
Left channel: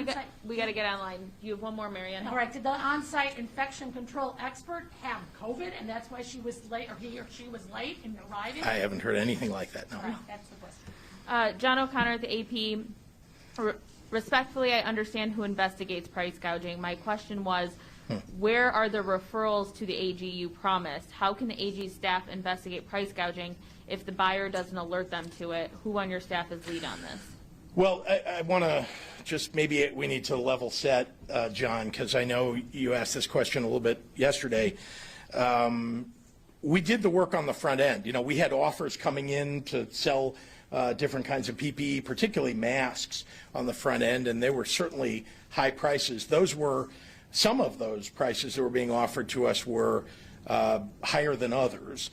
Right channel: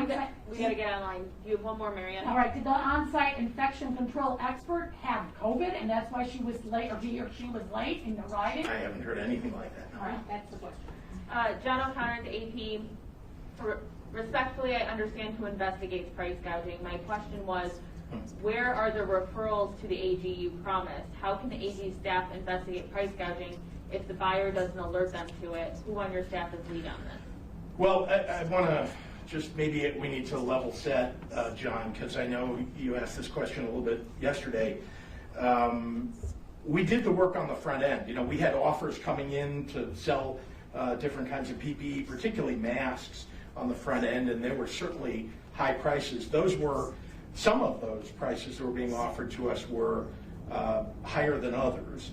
we got to get online. You have one more, Marianne. All right, did the on-site infection control expert have COVID, and that's why she was late, or he or she was late in arriving? I haven't heard anything like that, no. All right, that's the question. John O'Connor at the AP. Respectfully, I understand who investigates price gouging. My question was, where are the referrals to the AG you promised? How can the AG staff investigate price gouging if the buyer doesn't alert them to it? Who on your staff is lead on this? Well, I want to just, maybe we need to level set, John, because I know you asked this question a little bit yesterday. We did the work on the front end. You know, we had offers coming in to sell different kinds of PPE, particularly masks, on the front end, and they were certainly high prices. Those were, some of those prices that were being offered to us were higher than others.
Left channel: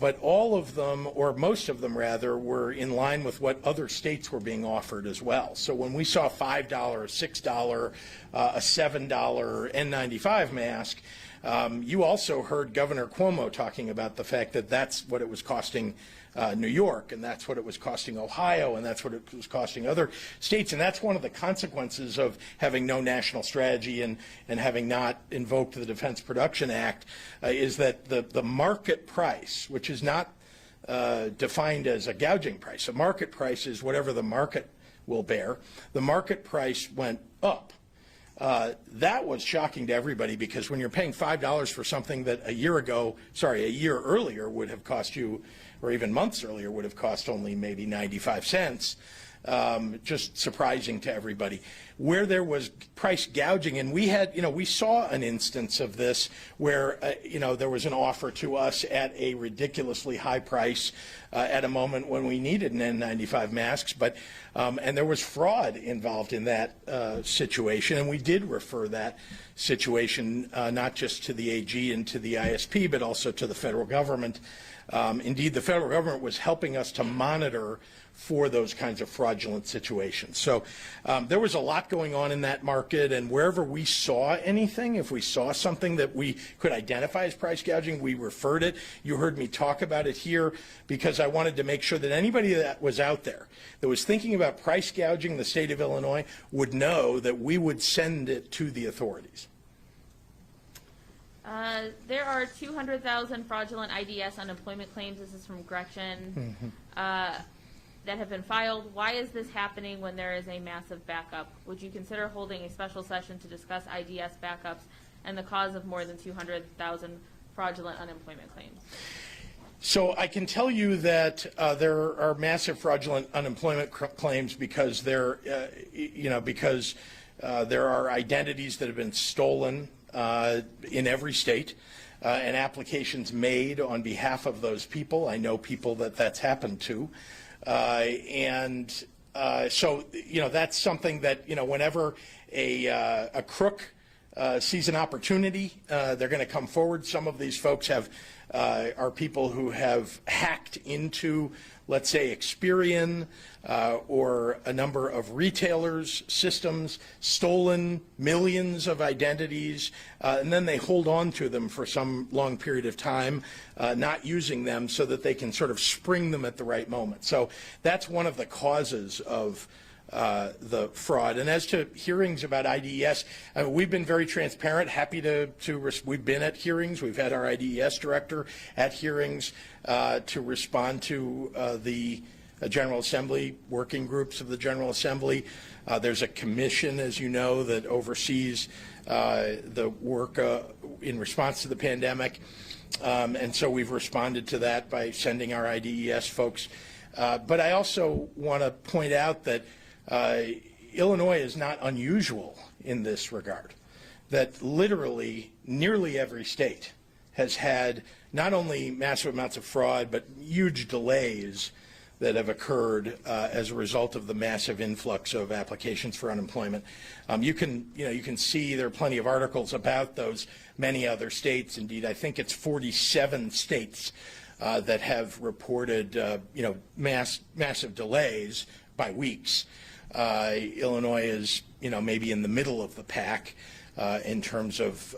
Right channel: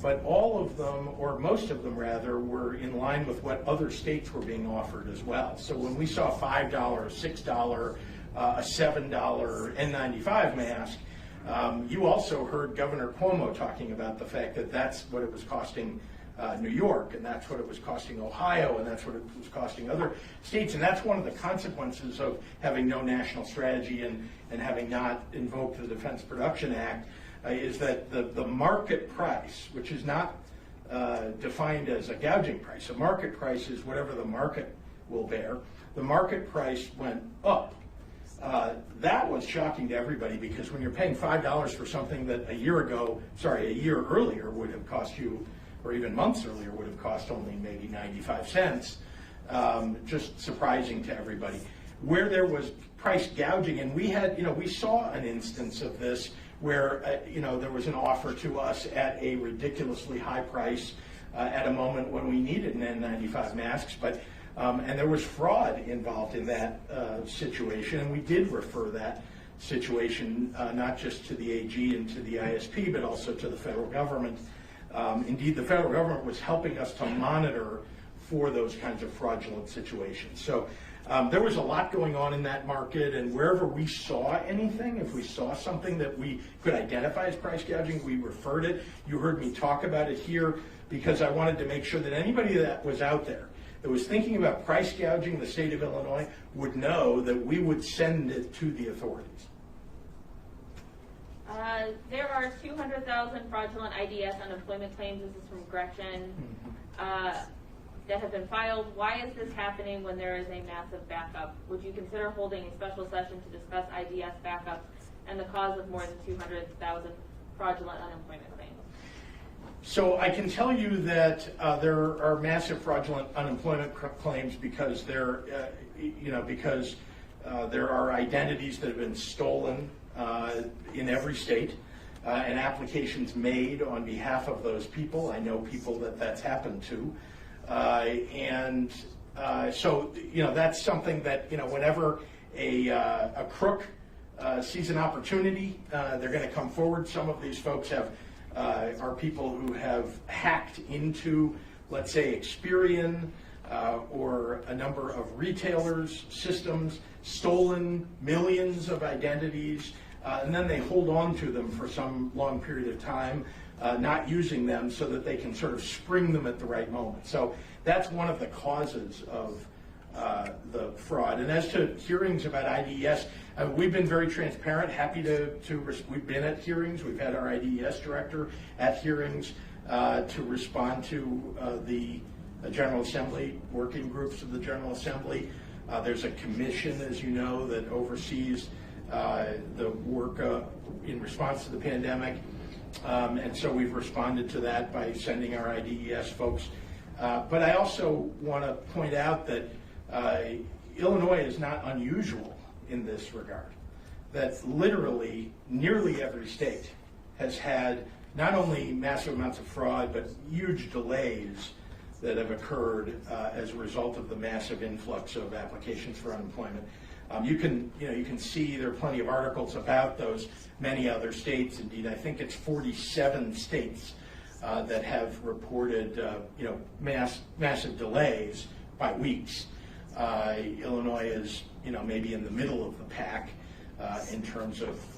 But all of them, or most of them rather, were in line with what other states were being offered as well. So when we saw $5, $6, a $7 N95 mask, you also heard Governor Cuomo talking about the fact that that's what it was costing New York, and that's what it was costing Ohio, and that's what it was costing other states. And that's one of the consequences of having no national strategy and having not invoked the Defense Production Act, is that the market price, which is not defined as a gouging price. A market price is whatever the market will bear. The market price went up. That was shocking to everybody, because when you're paying $5 for something that a year earlier would have cost you, or even months earlier would have cost only maybe 95 cents, just surprising to everybody. Where there was price gouging, and we saw an instance of this where, there was an offer to us at a ridiculously high price at a moment when we needed an N95 masks, and there was fraud involved in that situation, and we did refer that situation not just to the AG and to the ISP, but also to the federal government. Indeed, the federal government was helping us to monitor for those kinds of fraudulent situations. So there was a lot going on in that market, and wherever we saw anything, if we saw something that we could identify as price gouging, we referred it. You heard me talk about it here because I wanted to make sure that anybody that was out there that was thinking about price gouging the state of Illinois would know that we would send it to the authorities. There are 200,000 fraudulent IDS unemployment claims. This is from Gretchen. That have been filed. Why is this happening when there is a massive backup? Would you consider holding a special session to discuss IDS backups and the cause of more than 200,000 fraudulent unemployment claims? So I can tell you that there are massive fraudulent unemployment claims because there are identities that have been stolen in every state, and applications made on behalf of those people. I know people that's happened to. So that's something that, whenever a crook sees an opportunity, they're going to come forward. Some of these folks are people who have hacked into, let's say, Experian, or a number of retailers' systems, stolen millions of identities, and then they hold on to them for some long period of time, not using them so that they can sort of spring them at the right moment. So that's one of the causes of the fraud. And as to hearings about IDES, we've been very transparent, happy we've been at hearings, we've had our IDES director at hearings to respond to the General Assembly, working groups of the General Assembly. There's a commission, as you know, that oversees the work in response to the pandemic. And so we've responded to that by sending our IDES folks. But I also want to point out that Illinois is not unusual in this regard, that literally nearly every state has had not only massive amounts of fraud, but huge delays that have occurred as a result of the massive influx of applications for unemployment. You can see there are plenty of articles about those. Many other states, indeed, I think it's 47 states that have reported massive delays by weeks. Illinois is maybe in the middle of the pack in terms of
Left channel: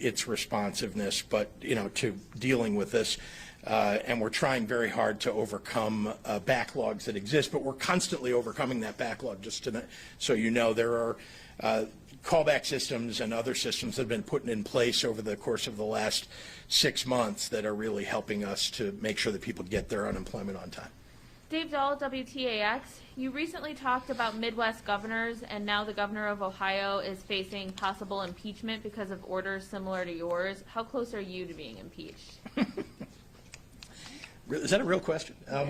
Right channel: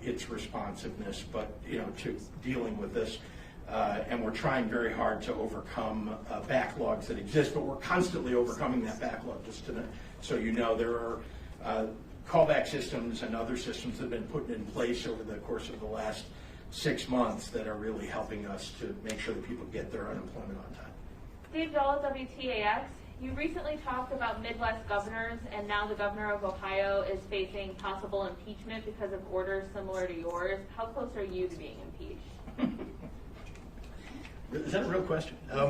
its responsiveness, but to dealing with this. And we're trying very hard to overcome backlogs that exist, but we're constantly overcoming that backlog. Just so you know, there are callback systems and other systems that have been put in place over the course of the last 6 months that are really helping us to make sure that people get their unemployment on time. Dave Dahl, WTAX. You recently talked about Midwest governors, and now the governor of Ohio is facing possible impeachment because of orders similar to yours. How close are you to being impeached? Is that a real question? I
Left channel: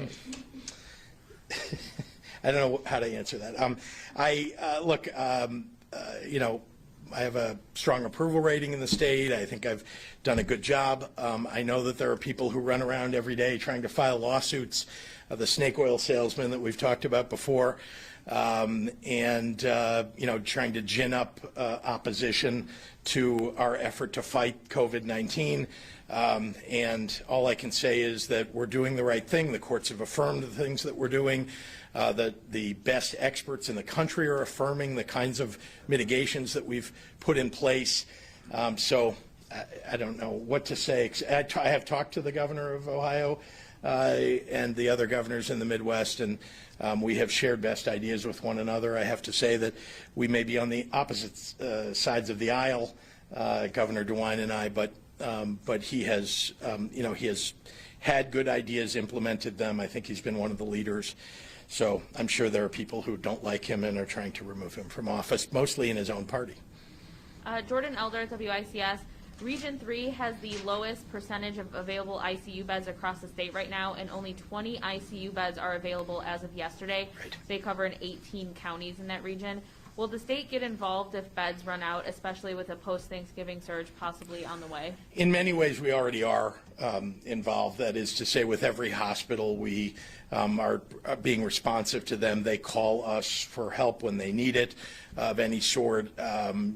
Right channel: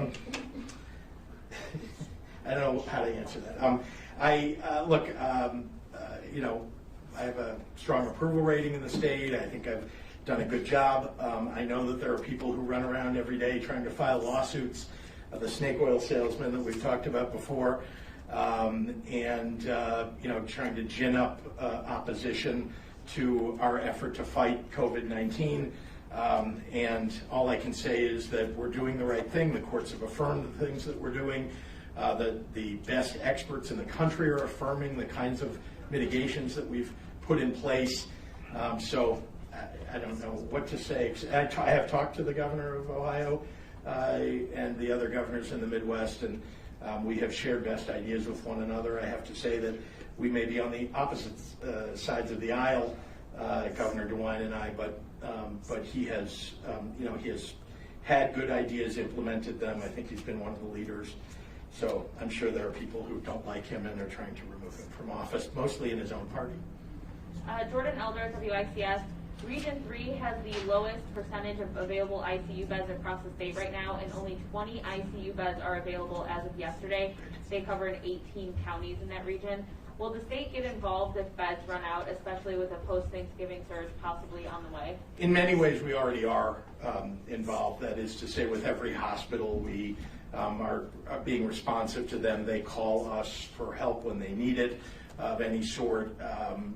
don't know how to answer that. I have a strong approval rating in the state. I think I've done a good job. I know that there are people who run around every day trying to file lawsuits, the snake oil salesman that we've talked about before, and trying to gin up opposition to our effort to fight COVID-19. And all I can say is that we're doing the right thing. The courts have affirmed the things that we're doing. That the best experts in the country are affirming the kinds of mitigations that we've put in place. So I don't know what to say. I have talked to the governor of Ohio and the other governors in the Midwest, and we have shared best ideas with one another. I have to say that we may be on the opposite sides of the aisle, Governor DeWine and I, but he has, he has had good ideas, implemented them. I think he's been one of the leaders. So I'm sure there are people who don't like him and are trying to remove him from office, mostly in his own party. Jordan Elder, WICS. Region 3 has the lowest percentage of available ICU beds across the state right now, and only 20 ICU beds are available as of yesterday. Right. They covered 18 counties in that region. Will the state get involved if beds run out, especially with a post-Thanksgiving surge possibly on the way? In many ways, we already are involved. That is to say, with every hospital, we are being responsive to them. They call us for help when they need it of any sort.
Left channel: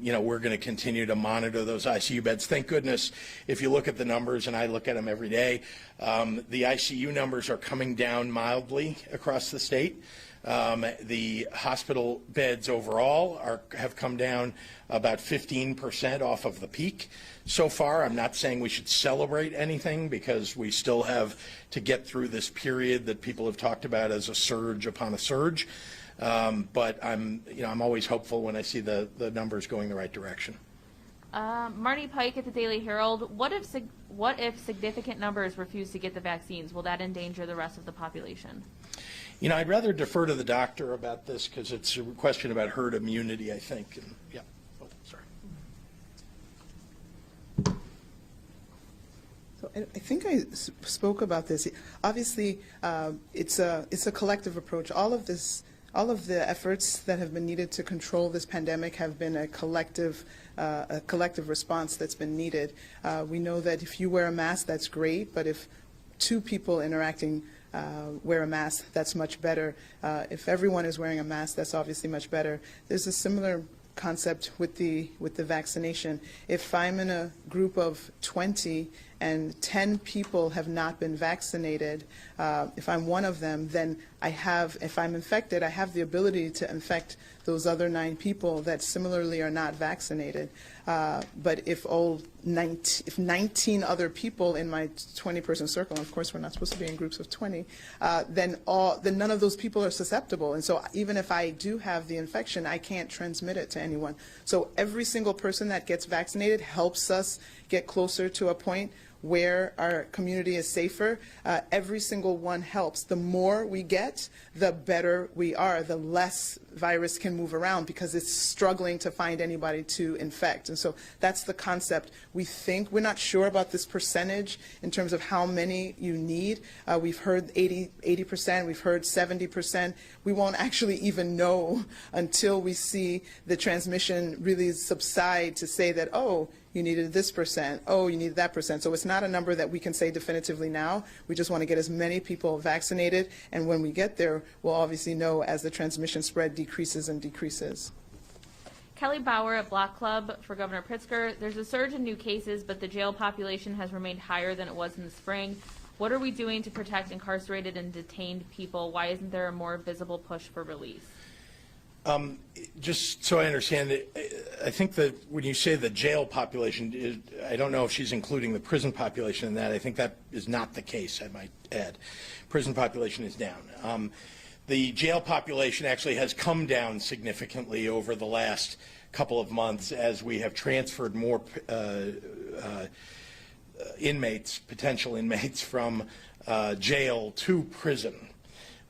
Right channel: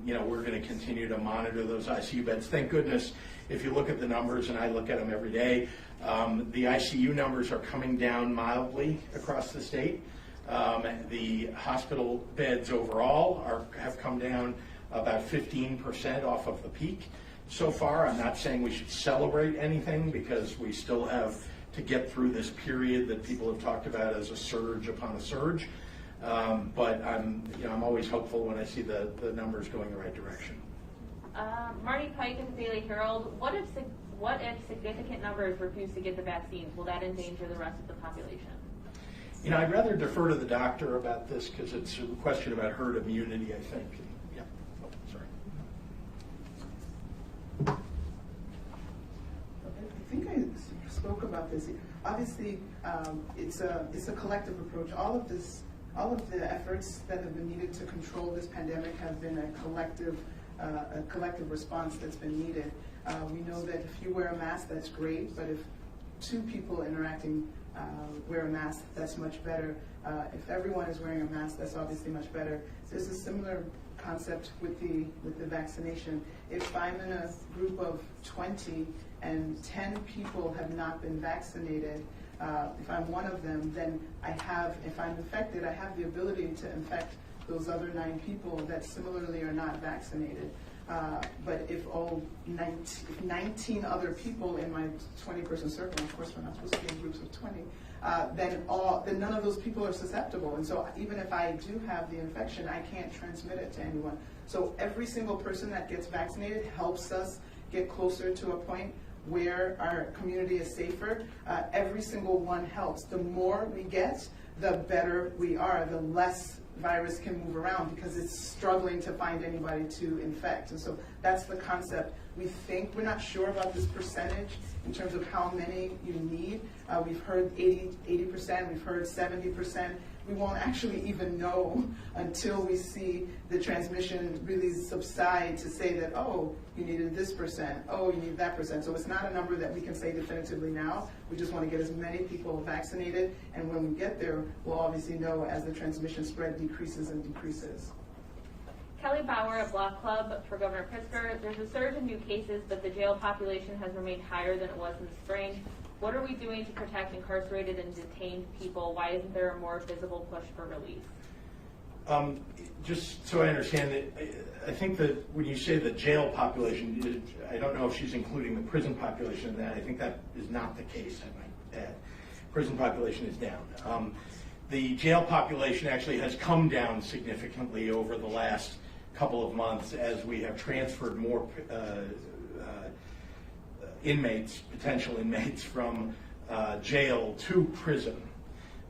We're going to continue to monitor those ICU beds. Thank goodness, if you look at the numbers, and I look at them every day, the ICU numbers are coming down mildly across the state. The hospital beds overall have come down about 15% off of the peak so far. I'm not saying we should celebrate anything because we still have to get through this period that people have talked about as a surge upon a surge. But I'm always hopeful when I see the numbers going the right direction. Marty Pike at the Daily Herald. What if significant numbers refuse to get the vaccines? Will that endanger the rest of the population? I'd rather defer to the doctor about this because it's a question about herd immunity, I think. And, yeah. Oh, sorry. So I think I spoke about this. Obviously, it's a collective approach. All of the efforts that have been needed to control this pandemic have been a collective response that's been needed. We know that if you wear a mask, that's great, but if two people interacting wear a mask, that's much better. If everyone is wearing a mask, that's obviously much better. There's a similar concept with the vaccination. If I'm in a group of 20 and 10 people have not been vaccinated, if I'm one of them, then if I'm infected, I have the ability to infect those other 9 people that similarly are not vaccinated. But if 19 other people in my 20-person circle, and of course we're not supposed to be in groups of 20, then none of those people are susceptible. And so even if I do have the infection, I can't transmit it to anyone. So every single person that gets vaccinated helps us get closer to a point where our community is safer. Every single one helps. The more we get, the better we are, the less virus can move around because it's struggling to find anybody to infect. And so that's the concept. We're not sure about this percentage in terms of how many you need. We've heard 80%, we've heard 70%. We won't actually even know until we see the transmission really subside to say that, oh, you needed this percent, oh, you need that percent. So it's not a number that we can say definitively now. We just want to get as many people vaccinated, and when we get there, we'll obviously know as the transmission spread decreases and decreases. Kelly Bauer at Block Club for Governor Pritzker. There's a surge in new cases, but the jail population has remained higher than it was in the spring. What are we doing to protect incarcerated and detained people? Why isn't there a more visible push for release? Just so I understand it, I think that when you say the jail population, I don't know if she's including the prison population in that. I think that is not the case, I might add. Prison population is down. The jail population actually has come down significantly over the last couple of months as we have transferred more inmates, potential inmates, from jail to prison.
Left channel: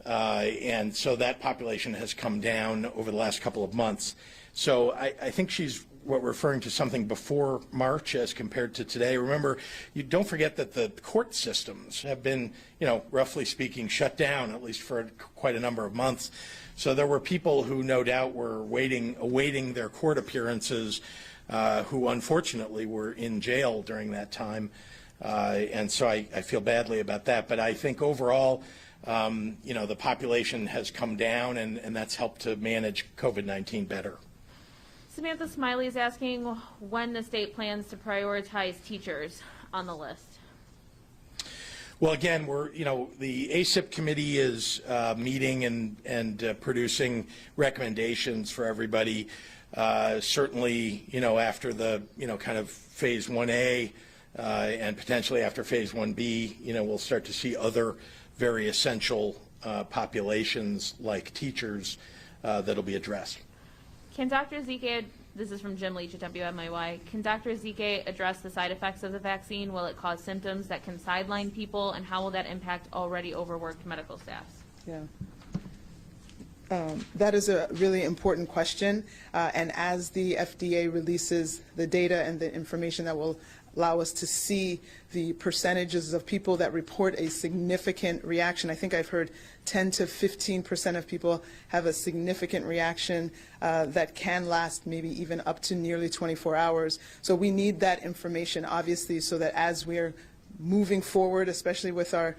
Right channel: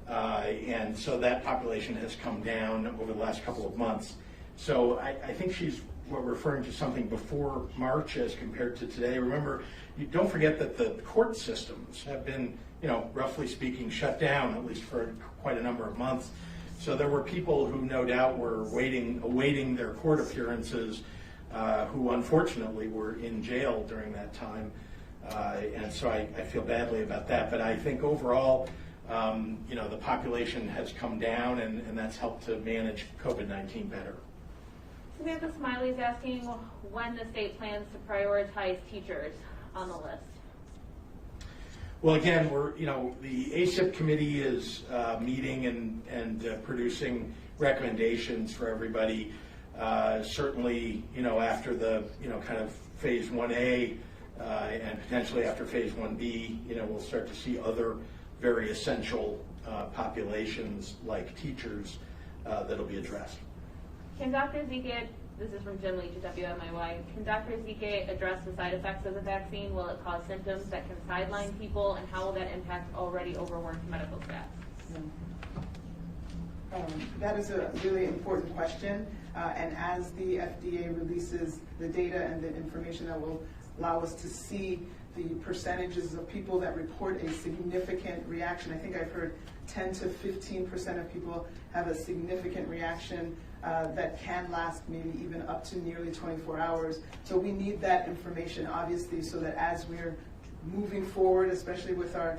And so that population has come down over the last couple of months. So I think she's referring to something before March as compared to today. Remember, you don't forget that the court systems have been, roughly speaking, shut down, at least for quite a number of months. So there were people who no doubt were awaiting their court appearances, who unfortunately were in jail during that time. And so I feel badly about that. But I think overall, the population has come down, and that's helped to manage COVID-19 better. Samantha Smiley is asking when the state plans to prioritize teachers on the list. Well, again, the ACIP committee is meeting and producing recommendations for everybody. Certainly, after the kind of phase 1A and potentially after phase 1B, we'll start to see other very essential populations like teachers that'll be addressed. Can Dr. Zike, this is from Jim Leach at WMIY, can Dr. Zike address the side effects of the vaccine? Will it cause symptoms that can sideline people, and how will that impact already overworked medical staff? Yeah. That is a really important question, and as the FDA releases the data and the information that will allow us to see the percentages of people that report a significant reaction. I think I've heard 10 to 15% of people have a significant reaction that can last maybe even up to nearly 24 hours. So we need that information, obviously, so that as we're moving forward, especially with our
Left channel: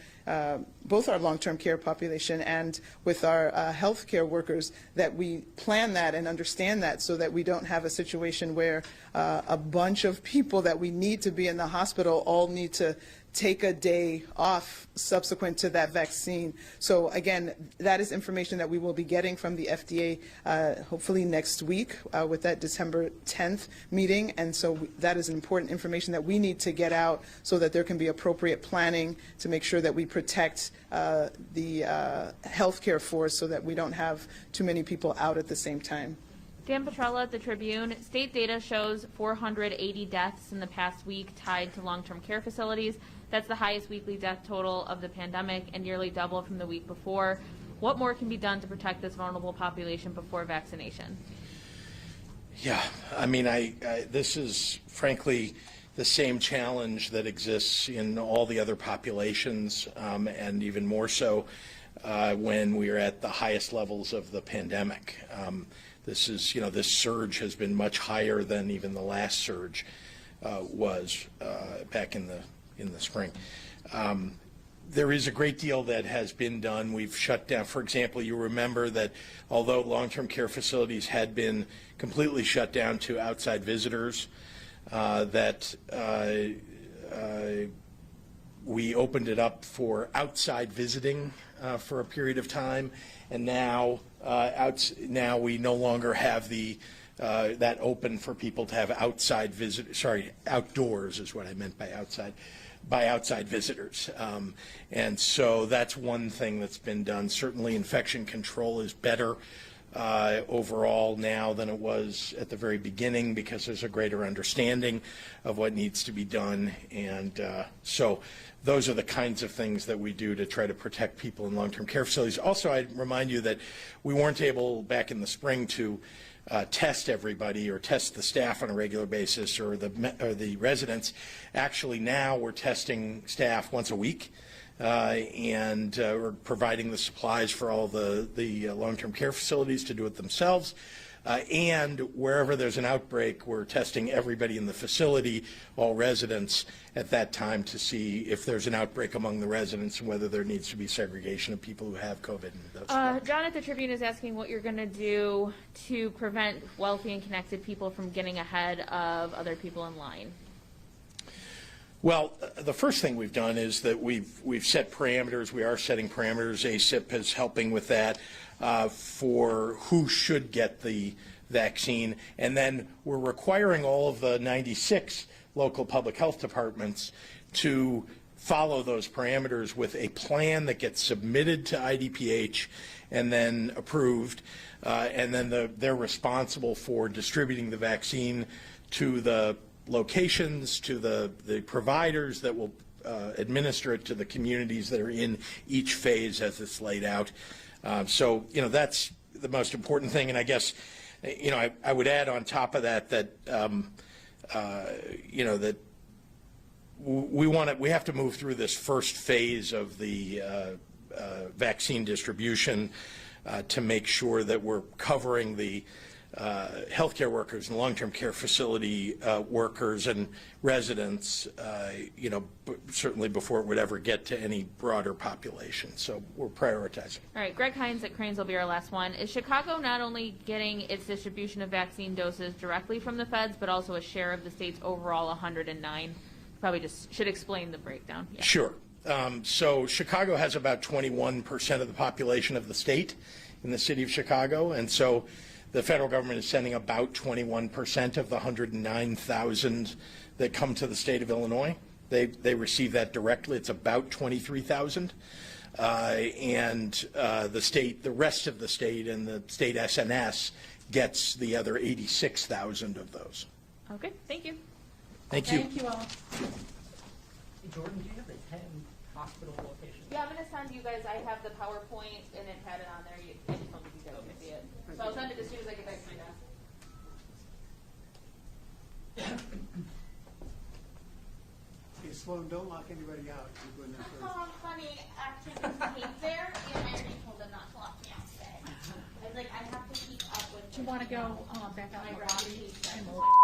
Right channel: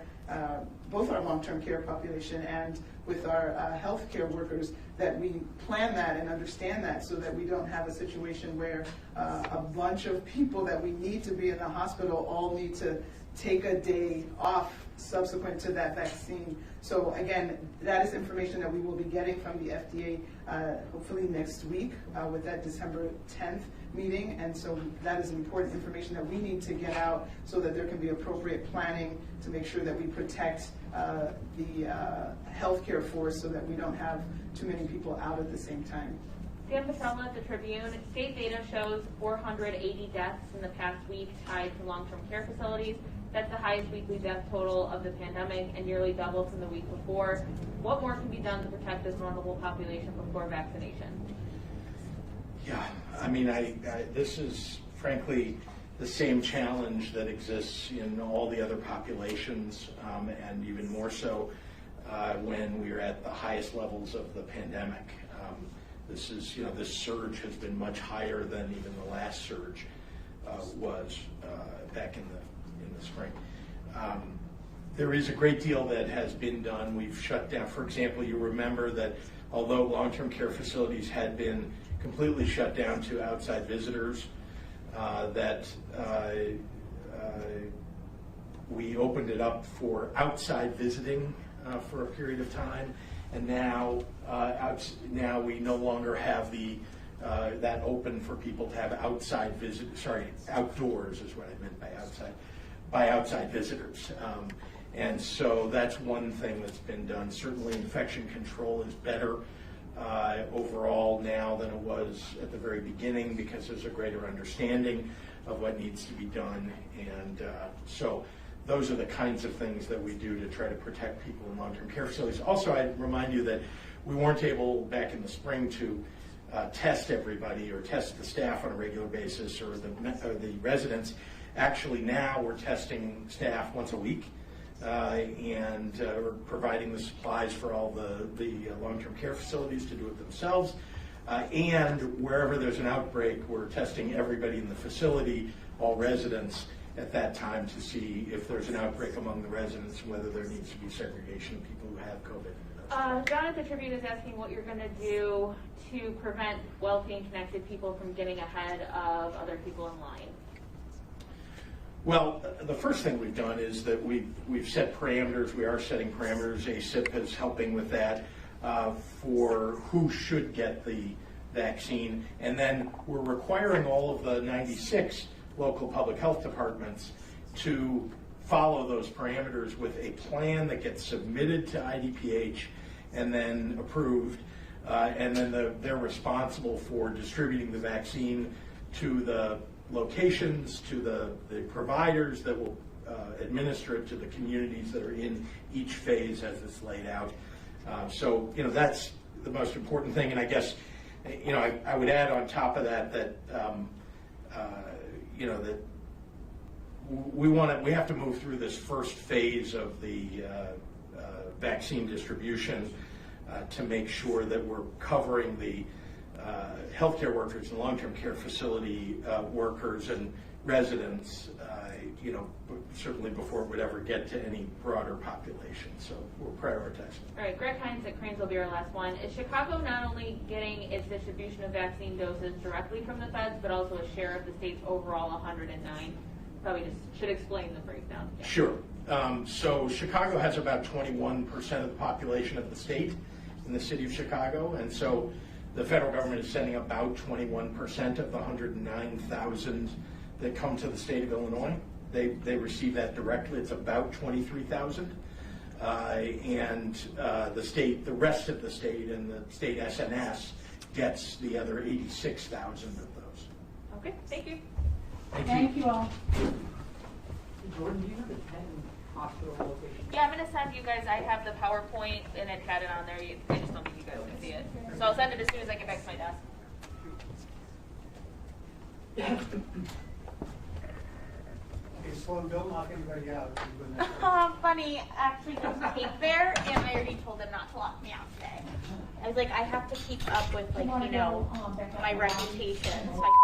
both our long-term care population and with our healthcare workers, that we plan that and understand that, so that we don't have a situation where a bunch of people that we need to be in the hospital all need to take a day off subsequent to that vaccine. So again, that is information that we will be getting from the FDA hopefully next week with that December 10th meeting. And so that is important information that we need to get out so that there can be appropriate planning to make sure that we protect the healthcare force so that we don't have too many people out at the same time. Dan Petrella at the Tribune. State data shows 480 deaths in the past week tied to long-term care facilities. That's the highest weekly death total of the pandemic and nearly double from the week before. What more can be done to protect this vulnerable population before vaccination? Yeah, I mean, this is frankly the same challenge that exists in all the other populations, and even more so when we are at the highest levels of the pandemic. This is, this surge has been much higher than even the last surge was back in the spring. There is a great deal that has been done. We've shut down, for example, you remember that although long-term care facilities had been completely shut down to outside visitors, we opened it up for outside visiting for a period of time, and now we no longer have that open for people to have outdoors is what I meant by outside visitors. And so that's one thing that's been done. Certainly infection control is better overall now than it was at the very beginning because there's a greater understanding of what needs to be done. And so those are the kinds of things that we do to try to protect people in long-term care facilities. Also, I'd remind you that we weren't able back in the spring to test everybody or test the staff on a regular basis or the residents. Actually, now we're testing staff once a week. And we're providing the supplies for all the long-term care facilities to do it themselves. And wherever there's an outbreak, we're testing everybody in the facility, all residents, at that time to see if there's an outbreak among the residents and whether there needs to be segregation of people who have COVID. John at the Tribune is asking what you're going to do to prevent wealthy and connected people from getting ahead of other people in line. Well, the first thing we've done is that we've set parameters. We are setting parameters. ACIP is helping with that for who should get the vaccine. And then we're requiring all of the 96 local public health departments to follow those parameters with a plan that gets submitted to IDPH and then approved. And then they're responsible for distributing the vaccine to the locations, to the providers that will administer it to the communities that are in each phase as it's laid out. So, that's the most important thing. And I guess, I would add on top of that that we have to move through this first phase of the vaccine distribution to make sure that we're covering the healthcare workers and long-term care facility workers and residents, certainly before it would ever get to any broader population. So we're prioritizing. All right, Greg Hines at Cranes will be our last one. Is Chicago not only getting its distribution of vaccine doses directly from the feds, but also a share of the state's overall 109? Probably just should explain the breakdown. Yeah. Sure. So Chicago has about 21% of the population of the state in the city of Chicago, and so the federal government is sending about 21% of the 109,000 that come to the state of Illinois. They receive that directly. It's about 23,000. And the rest of the state and the state SNS gets the other 86,000 of those. Okay, thank you. Thank you. Thank you all. Jordan, do you have the 10 hospital locations? Yeah, I'm going to send you guys, I have the PowerPoint and it had it on there. I just don't think you guys can see it. So I'll send it as soon as I get back to my desk. Hey, Sloan, don't knock anybody out. Funny, actually, there's tape there, and I already told them not to lock me out today. I was like, I have to keep up with, Do you want to like, go back up? my reputation, so I